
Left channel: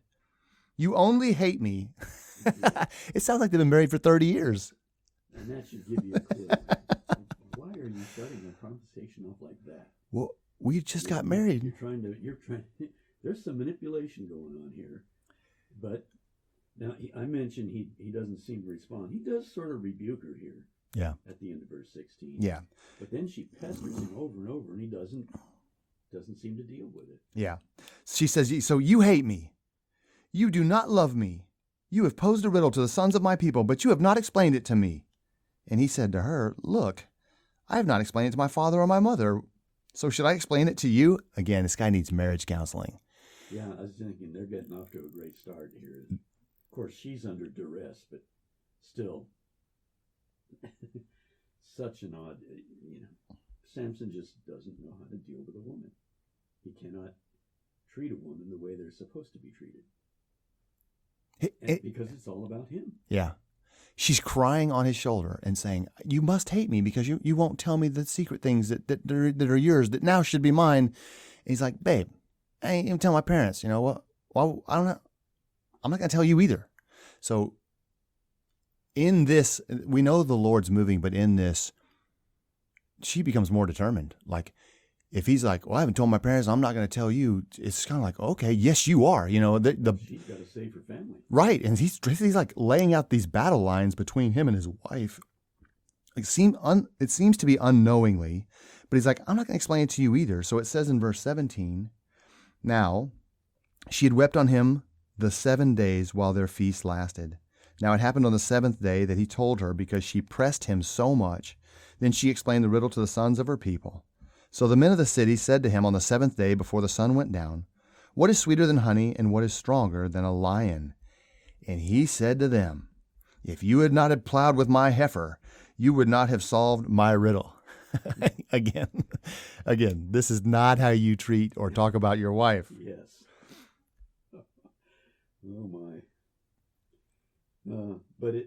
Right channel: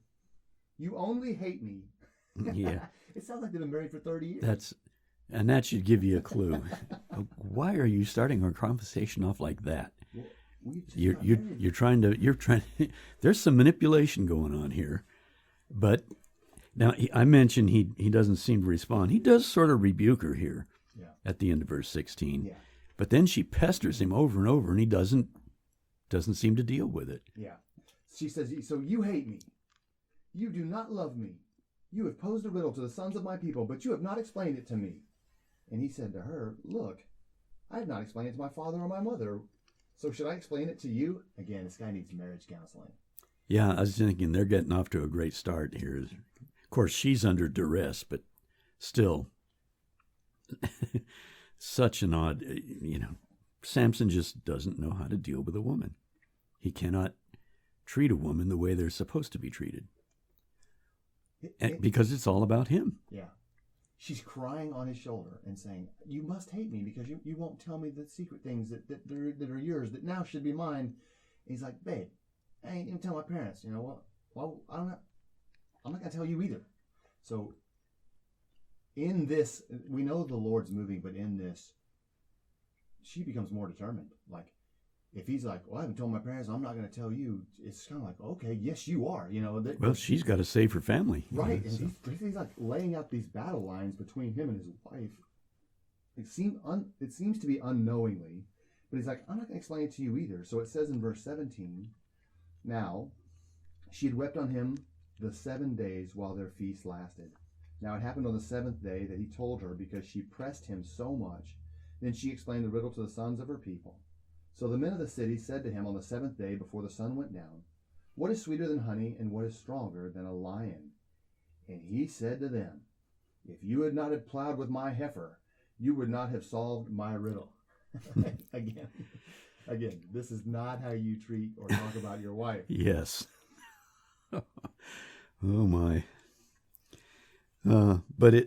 'You only hate me.'" Yeah. It sounds like they've been married for 30 years. And that should give you a clue. Why are you starting our conversation off like that? Well, we just got married. You're trying. There's some manipulation going on here. But now I mentioned he doesn't seem to respond. He does sort of rebuke her here. Yeah. At the end of verse 16. Yeah. But then she pesters him over and over, and he doesn't seem to deal with it. Yeah. She says, "So you hate me. You do not love me. You have posed a riddle to the sons of my people, but you have not explained it to me." And he said to her, "Look, I have not explained it to my father or my mother. So should I explain it to you?" Again, this guy needs marriage counseling. Yeah, I was thinking they're getting off to a great start here. Of course, she's under duress, but still, such an odd, Samson just doesn't know how to deal with a woman. He cannot treat a woman the way they're supposed to be treated. Because it's all about him. Yeah. She's crying on his shoulder and saying, "You must hate me because you won't tell me the secret things that are yours that now should be mine." And he's like, "Babe, I ain't even tell my parents. You know what? Well, I don't know. I'm not going to tell you either." So in this, we know the Lord's moving, but in this, she becomes more determined. Like, if he's like, "Well, I haven't told my parents, I'm not going to tell you," it's kind of like, okay, yes, you are. She's got to save her family. Right. And he's like laying out these battle lines between him and his wife. It seems to be unknowingly, but he's like, "I'm not going to explain it to you either." So it says in verse 17, "Now she had wept on him the 7 days while their feast lasted. Now it happened on the 7th day that he told her, because she pressed him so much. Then she explained the riddle to the sons of her people. So the men of the city said to him on the 7th day before the sun went down, 'What is sweeter than honey, and what is stronger than a lion?' And he said to them, 'If you had not plowed with my heifer, you would not have solved my riddle.'" Again, this is not how you treat or talk about your wife. Yes. Oh, my. But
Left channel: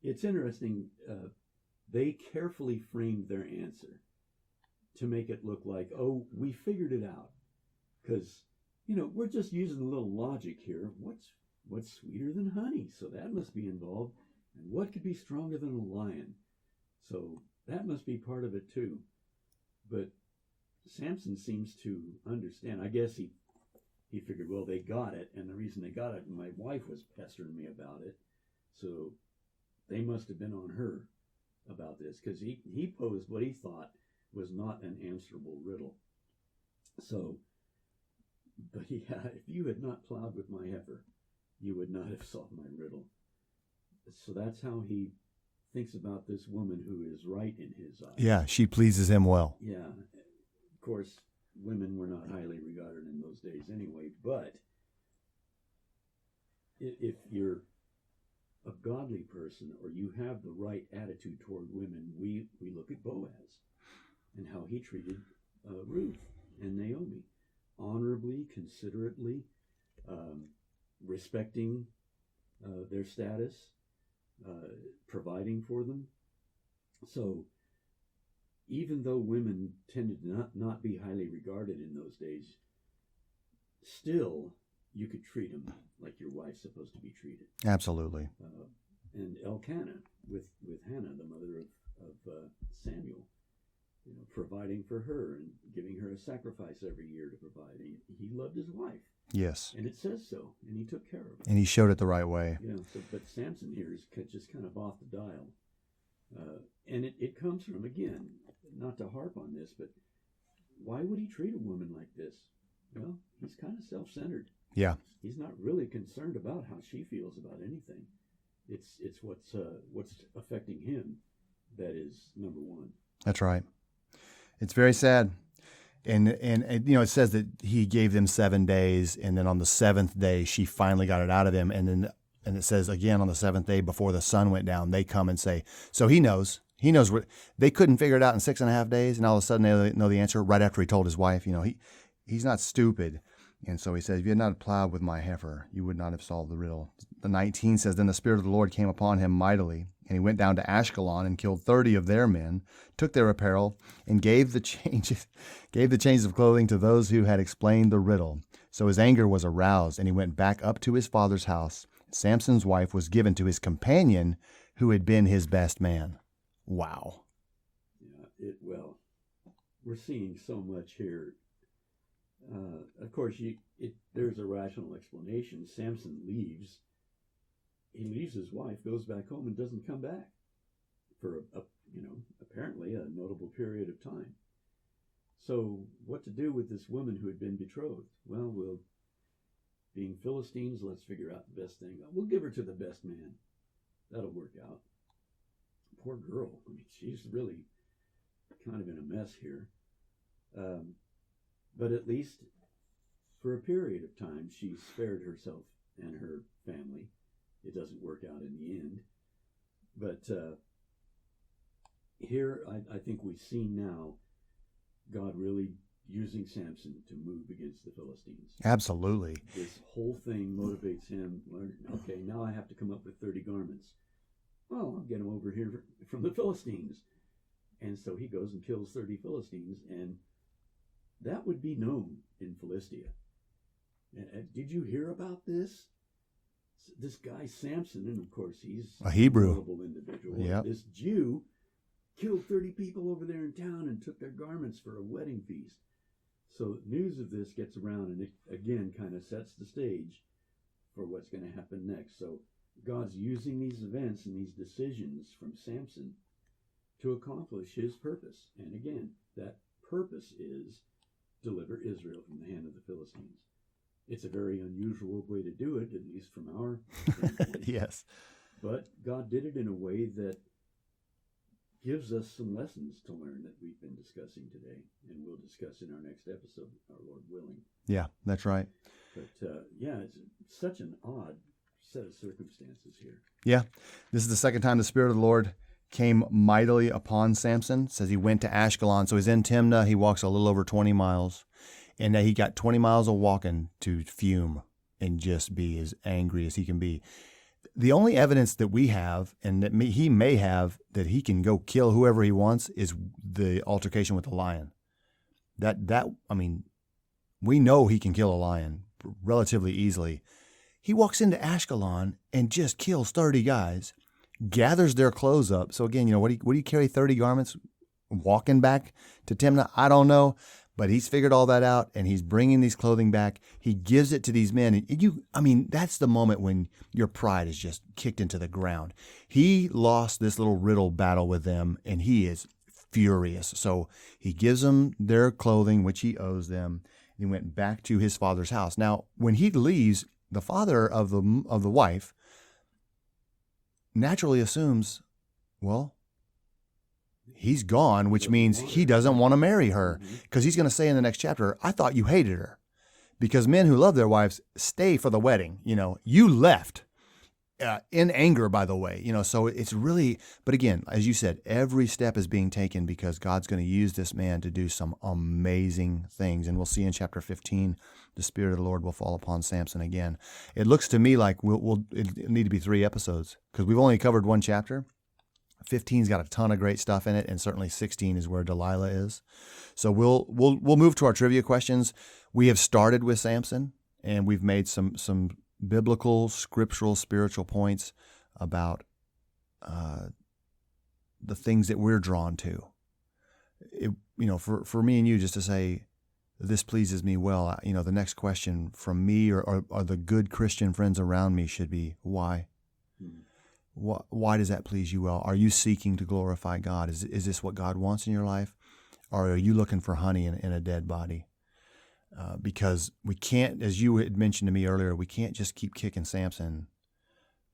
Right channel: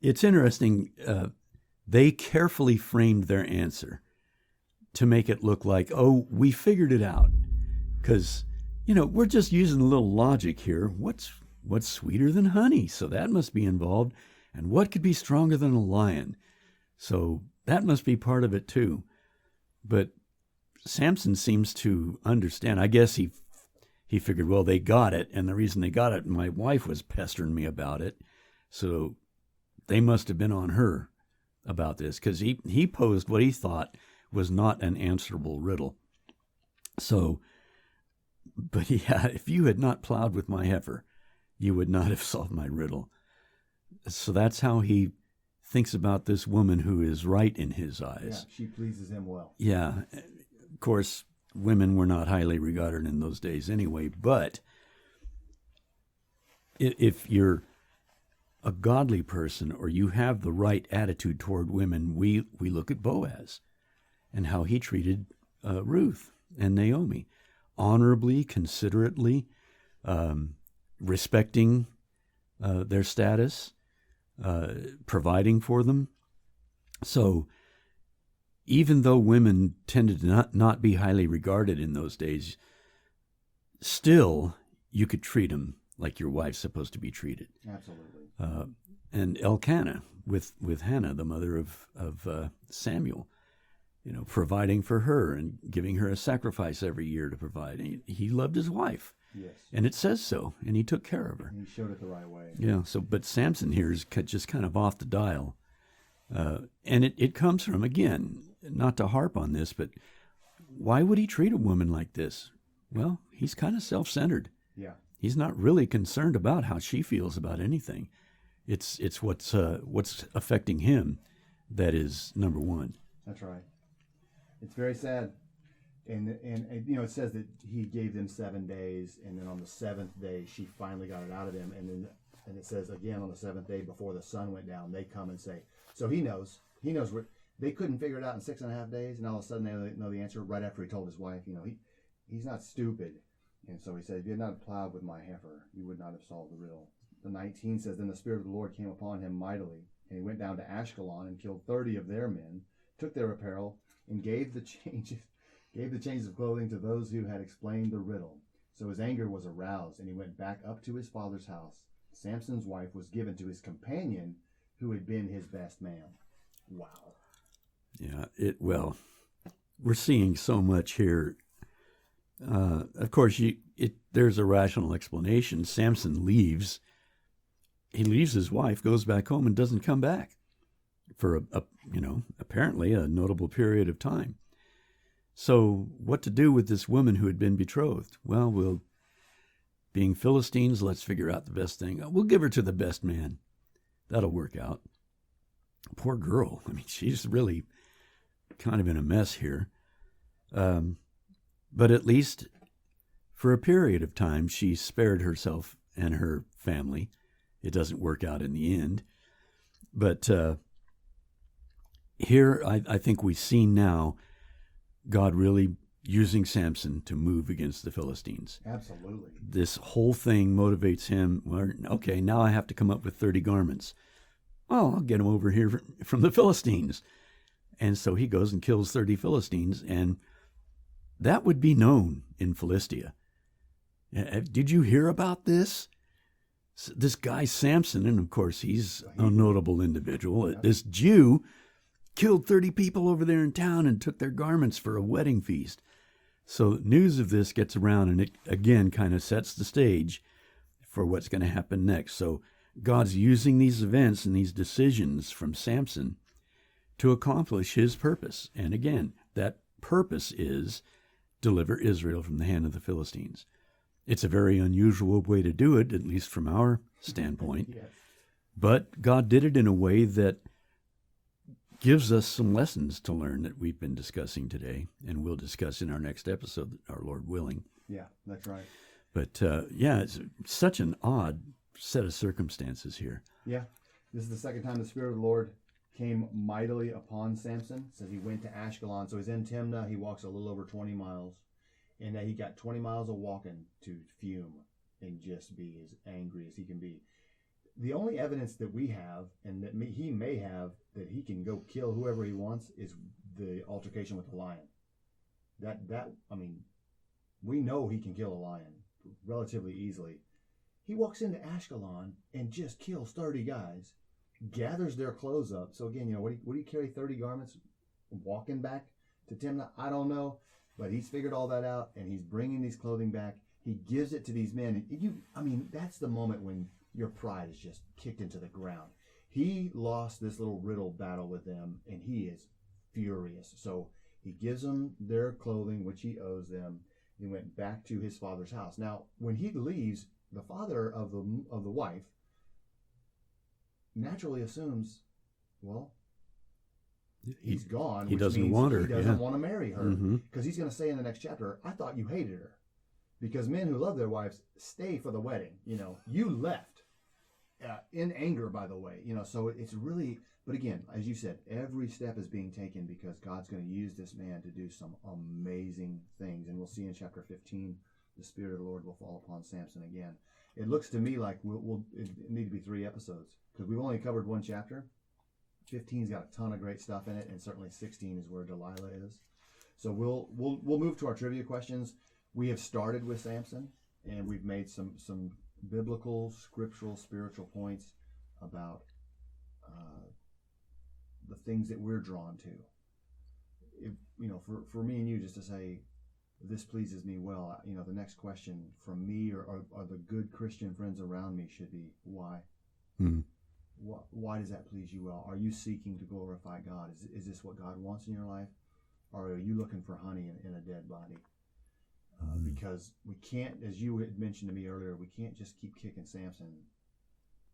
it's interesting. They carefully framed their answer to make it look like, oh, we figured it out. Because, we're just using a little logic here. What's sweeter than honey? So that must be involved. And what could be stronger than a lion? So that must be part of it too. But Samson seems to understand. I guess he figured, well, they got it. And the reason they got it, my wife was pestering me about it. So they must have been on her about this, because he posed what he thought was not an answerable riddle. So, but yeah, if you had not plowed with my heifer, you would not have solved my riddle. So that's how he thinks about this woman who is right in his eyes. Yeah, she pleases him well. Yeah. Of course, women were not highly regarded in those days anyway, but if you're a godly person or you have the right attitude toward women, we look at Boaz and how he treated Ruth and Naomi, honorably, considerately, respecting their status, providing for them. So even though women tended to not be highly regarded in those days, still you could treat them like your wife's supposed to be treated. Absolutely. And Elkanah with Hannah, the mother of Samuel, providing for her and giving her a sacrifice every year to provide. He loved his wife. Yes. And it says so, and he took care of her. And he showed it the right way. Yeah. So, but Samson here is just kind of off the dial, and it comes from, again, not to harp on this, but why would he treat a woman like this? Well, he's kind of self-centered. Yeah. He's not really concerned about how she feels about anything. It's what's affecting him that is number one. That's right. It's very sad. And it says that he gave them 7 days, and then on the seventh day she finally got it out of him. And it says again on the seventh day before the sun went down, they come and say, so he knows what they couldn't figure it out in 6.5 days, and all of a sudden they know the answer right after he told his wife. He's not stupid. And so he said, if you had not plowed with my heifer, you would not have solved the riddle. The 19 says, then the Spirit of the Lord came upon him mightily, and he went down to Ashkelon and killed 30 of their men, took their apparel, and gave the changes of clothing to those who had explained the riddle. So his anger was aroused, and he went back up to his father's house. Samson's wife was given to his companion, who had been his best man. Wow. Yeah, well, we're seeing so much here. Of course, there's a rational explanation. Samson leaves. He leaves his wife, goes back home, and doesn't come back for apparently a notable period of time. So what to do with this woman who had been betrothed? Well, being Philistines, let's figure out the best thing. We'll give her to the best man. That'll work out. Poor girl. I mean, she's really kind of in a mess here. But at least for a period of time, she spared herself and her family. It doesn't work out in the end. But here, I think we see now God really using Samson to move against the Philistines. Absolutely. This whole thing motivates him. Well, okay, now I have to come up with 30 garments. Well, I'll get them over here from the Philistines. And so he goes and kills 30 Philistines, and that would be known in Philistia. Did you hear about this? This guy Samson, and of course he's a notable individual. Yep. This Jew killed 30 people over there in town and took their garments for a wedding feast. So news of this gets around, and it again kind of sets the stage for what's going to happen next. So God's using these events and these decisions from Samson to accomplish his purpose. And again, that purpose is deliver Israel from the hand of the Philistines. It's a very unusual way to do it, at least from our standpoint. Yes. But God did it in a way that gives us some lessons to learn that we've been discussing today, and we'll discuss in our next episode, our Lord willing. Yeah, that's right. But it's such an odd set of circumstances here. Yeah. This is the second time the Spirit of the Lord came mightily upon Samson. It says he went to Ashkelon. So he's in Timnah. He walks a little over 20 miles. And he got 20 miles of walking to fume and just be as angry as he can be. The only evidence that we have, and that he may have, that he can go kill whoever he wants, is the altercation with the lion. I mean, we know he can kill a lion relatively easily. He walks into Ashkelon and just kills 30 guys, gathers their clothes up. So again, what do you carry 30 garments walking back to Timnah? I don't know, but he's figured all that out, and he's bringing these clothing back. He gives it to these men. That's the moment when your pride is just kicked into the ground. He lost this little riddle battle with them, and he is furious. So he gives them their clothing, which he owes them. He went back to his father's house. Now, when he leaves, the father of the wife naturally assumes, well, he's gone, which means he doesn't want to marry her, because he's going to say in the next chapter, I thought you hated her. Because men who love their wives stay for the wedding. You left in anger, by the way. So it's really, but again, as you said, every step is being taken because God's going to use this man to do some amazing things. And we'll see in chapter 15, the Spirit of the Lord will fall upon Samson again. It looks to me like it need to be 3 episodes because we've only covered 1 chapter. 15's got a ton of great stuff in it, and certainly 16 is where Delilah is. So we'll move to our trivia questions. We have started with Samson, and we've made some biblical, scriptural, spiritual points about the things that we're drawn to. For me and you, just to say, this pleases me well. The next question from me or the good Christian friends around me should be, why? Why does that please you well? Are you seeking to glorify God? Is this what God wants in your life? Or are you looking for honey in a dead body? Because we can't, as you had mentioned to me earlier, we can't just keep kicking Samson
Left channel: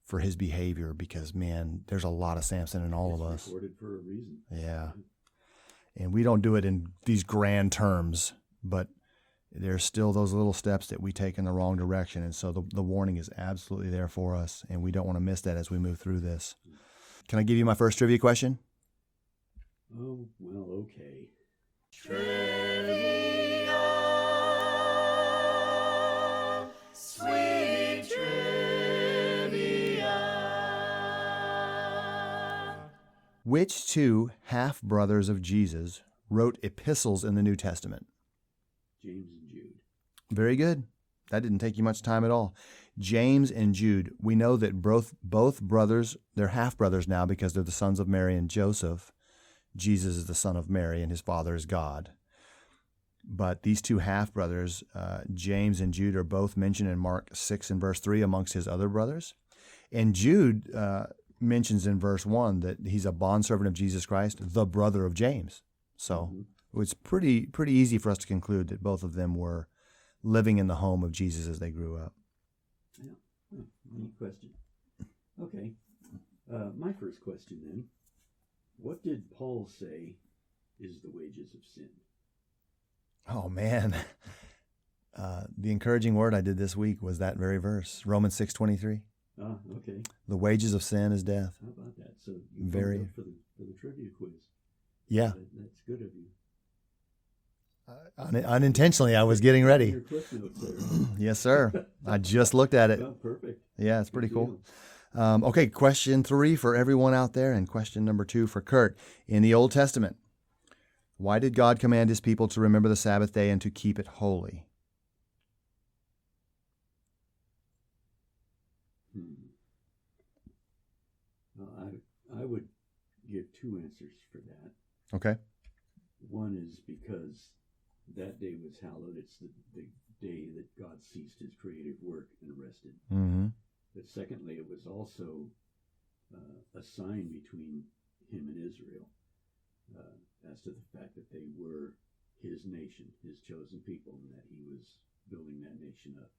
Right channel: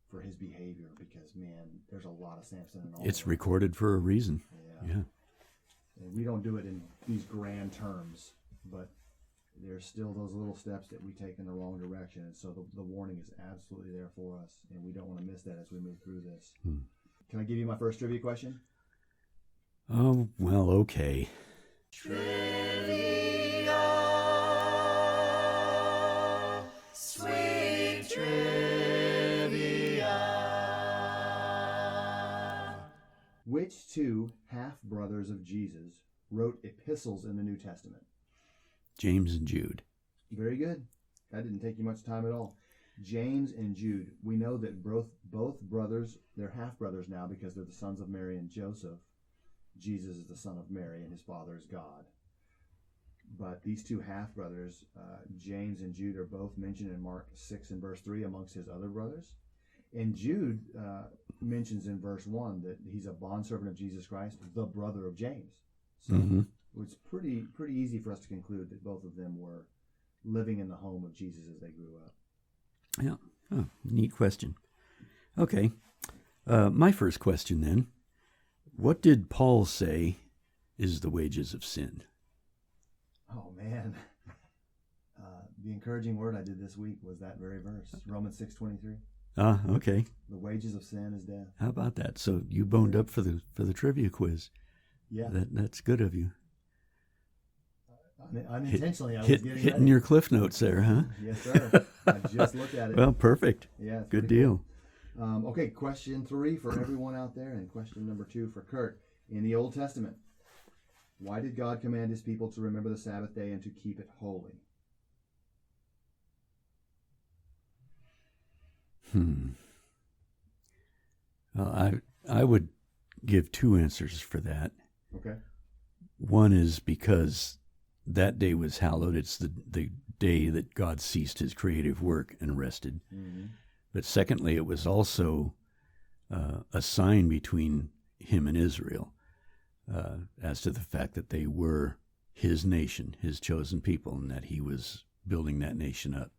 for his behavior because, man, there's a lot of Samson in all of us. It's recorded for a reason. Yeah. And we don't do it in these grand terms, but there's still those little steps that we take in the wrong direction. And so the warning is absolutely there for us, and we don't want to miss that as we move through this. Can I give you my first trivia question? Oh, well, okay. Trivia, sweet trivia. Which 2 half-brothers of Jesus wrote epistles in the New Testament? James and Jude. Very good. That didn't take you much time at all. James and Jude. We know that both brothers, they're half-brothers now because they're the sons of Mary and Joseph. Jesus is the son of Mary, and his father is God. But these 2 half-brothers, James and Jude, are both mentioned in Mark 6 and verse 3 amongst his other brothers. And Jude mentions in verse 1 that he's a bondservant of Jesus Christ, the brother of James. So it's pretty easy for us to conclude that both of them were living in the home of Jesus as they grew up. Yeah. Oh, neat question. Okay. My first question then. What did Paul say is the wages of sin? Oh, man. The encouraging word I did this week was that very verse, Romans 6:23. Ah, okay. The wages of sin is death. How about that? So you boned up for the trivia quiz. Yeah. That's good of you. Unintentionally, I was getting ready. Your cliff notes there, huh? Yes, sir. I just looked at it. Well, perfect. Yeah, it's Good pretty deal. cool. Okay, question 3 for everyone out there, and question number 2 for Kurt. In the Old Testament, why did God command his people to remember the Sabbath day and to keep it holy? Well, I would give 2 answers for that. Okay. One is because that day was hallowed. It's the day that God ceased his creative work and rested. Mm-hmm. But secondly, it was also a sign between him and Israel as to the fact that they were his nation, his chosen people, and that he was building that nation up.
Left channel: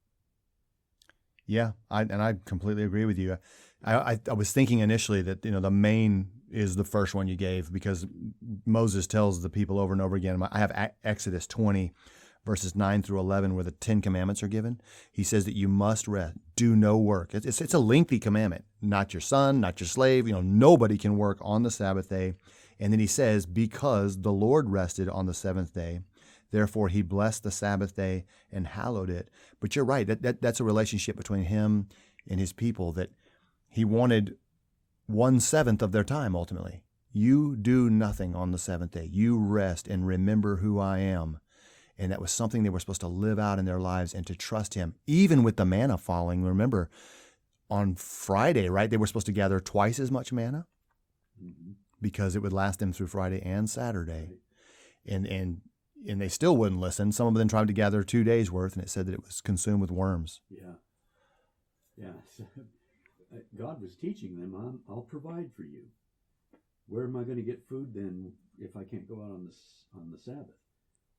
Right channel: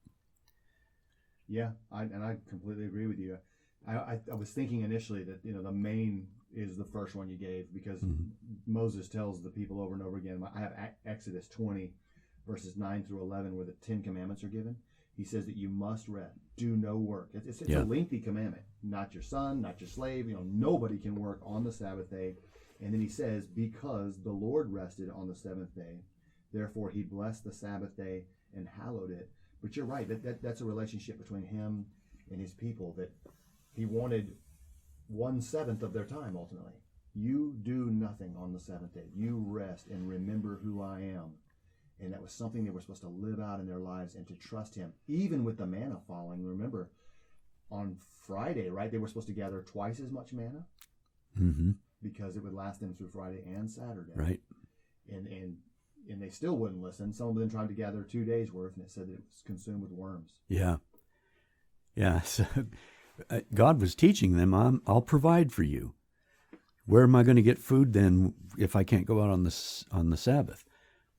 Yeah, I completely agree with you. I was thinking initially that the main is the first one you gave because Moses tells the people over and over again. I have Exodus 20, verses 9 through 11, where the 10 commandments are given. He says that you must rest, do no work. It's a lengthy commandment. Not your son, not your slave. Nobody can work on the Sabbath day. And then he says, because the Lord rested on the 7th day, therefore he blessed the Sabbath day and hallowed it. But you're right. That's a relationship between him and his people that He wanted 1/7 of their time ultimately. You do nothing on the seventh day. You rest and remember who I am. And that was something they were supposed to live out in their lives and to trust him, even with the manna falling. Remember, on Friday, right, they were supposed to gather twice as much manna because it would last them through Friday and Saturday. Right. And they still wouldn't listen. Some of them tried to gather 2 days worth, and it said that it was consumed with worms. Yeah. Yeah. So God was teaching them, I'll provide for you. Where am I going to get food then if I can't go out on the Sabbath?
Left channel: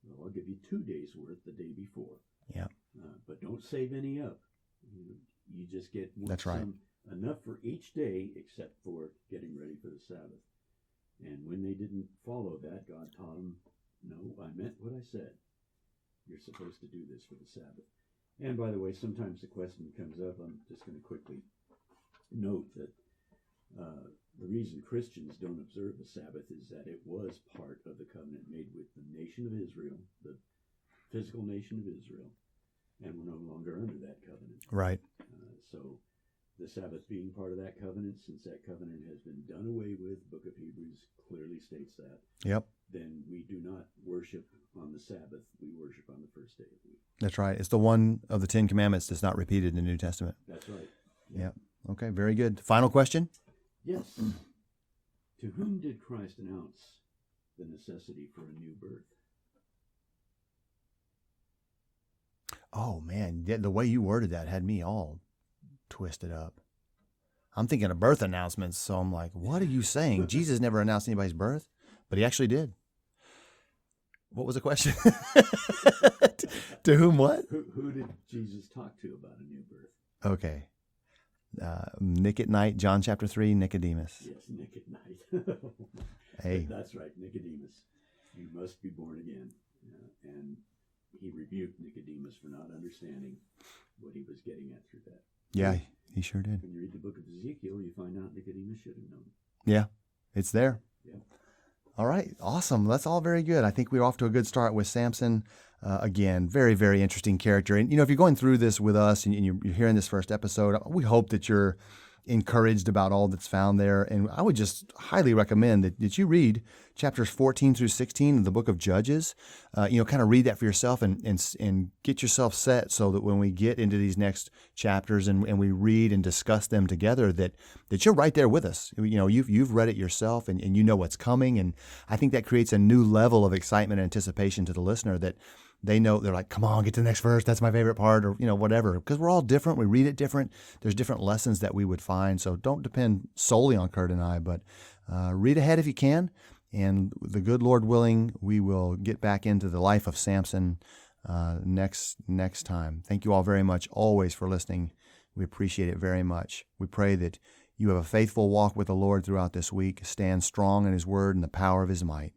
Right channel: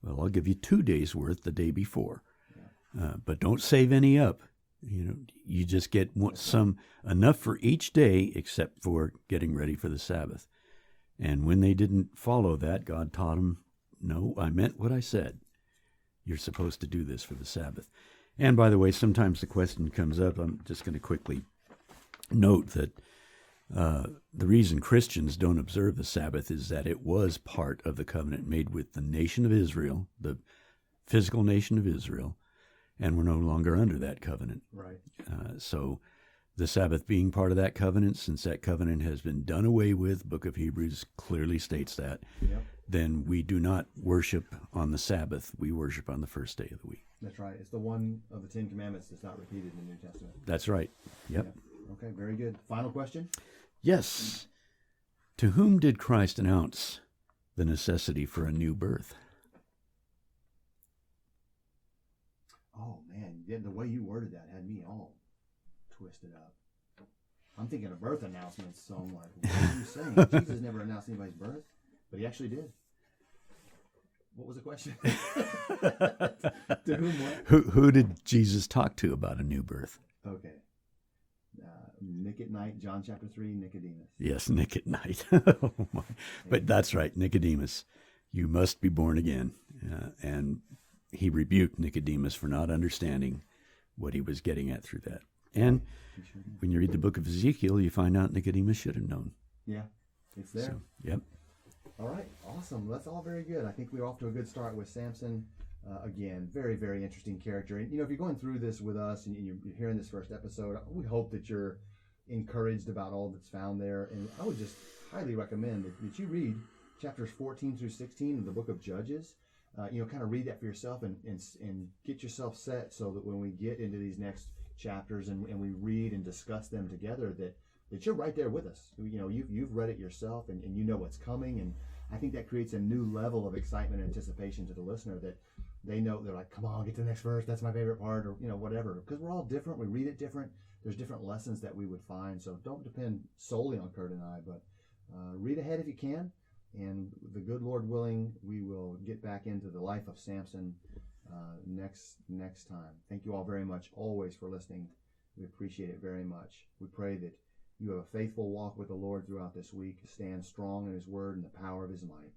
Well, I'll give you 2 days worth the day before. Yeah. But don't save any up. You just get enough for each day except for getting ready for the Sabbath. And when they didn't follow that, God taught them, no, I meant what I said. You're supposed to do this for the Sabbath. And by the way, sometimes the question comes up, I'm just going to quickly note that the reason Christians don't observe the Sabbath is that it was part of the covenant made with the nation of Israel, the physical nation of Israel, and we're no longer under that covenant. Right. So the Sabbath being part of that covenant, since that covenant has been done away with, Book of Hebrews clearly states that, Yep. then we do not worship on the Sabbath. We worship on the first day of the week. That's right. It's the one of the 10 Commandments that's not repeated in the New Testament. That's right. Yep. Okay, very good. Final question? Yes. To whom did Christ announce the necessity for a new birth? Oh, man, the way you worded that had me all twisted up. I'm thinking of birth announcements, so I'm like, what are you saying? Jesus never announced anybody's birth, but he actually did. What was the question? To whom what? Who did Jesus talk to about a new birth? Okay. Nick at night, John chapter 3, Nicodemus. Yes, Nick at night. Hey. But that's right, Nicodemus. You must be born again. And he rebuked Nicodemus for not understanding what he was getting at through that. Yeah, And he sure did. when you read the book of Ezekiel, you find out Nicodemus should have known. Yeah, it's there. Yep. All right, awesome. That's all very good. I think we're off to a good start with Samson. Again, very, very interesting character. And, if you're going through this with us and you're hearing this first episode, we hope that you're encouraged about all that's found there. And I would just highly recommend that you read chapters 14 through 16 of the book of Judges. Kind of read that for yourself and get yourself set so that when we get into these next chapters and we read and discuss them together, that you're right there with us. You've read it yourself and you know what's coming. And I think that creates a new level of excitement and anticipation to the listener that they know they're like, come on, get to the next verse. That's my favorite part, or, whatever. Because we're all different. We read it different. There's different lessons that we would find. So don't depend solely on Kurt and I, but read ahead if you can. And the good Lord willing, we will get back into the life of Samson next time. Thank you all very much always for listening. We appreciate it very much. We pray that you have a faithful walk with the Lord throughout this week. Stand strong in his word and the power of his might.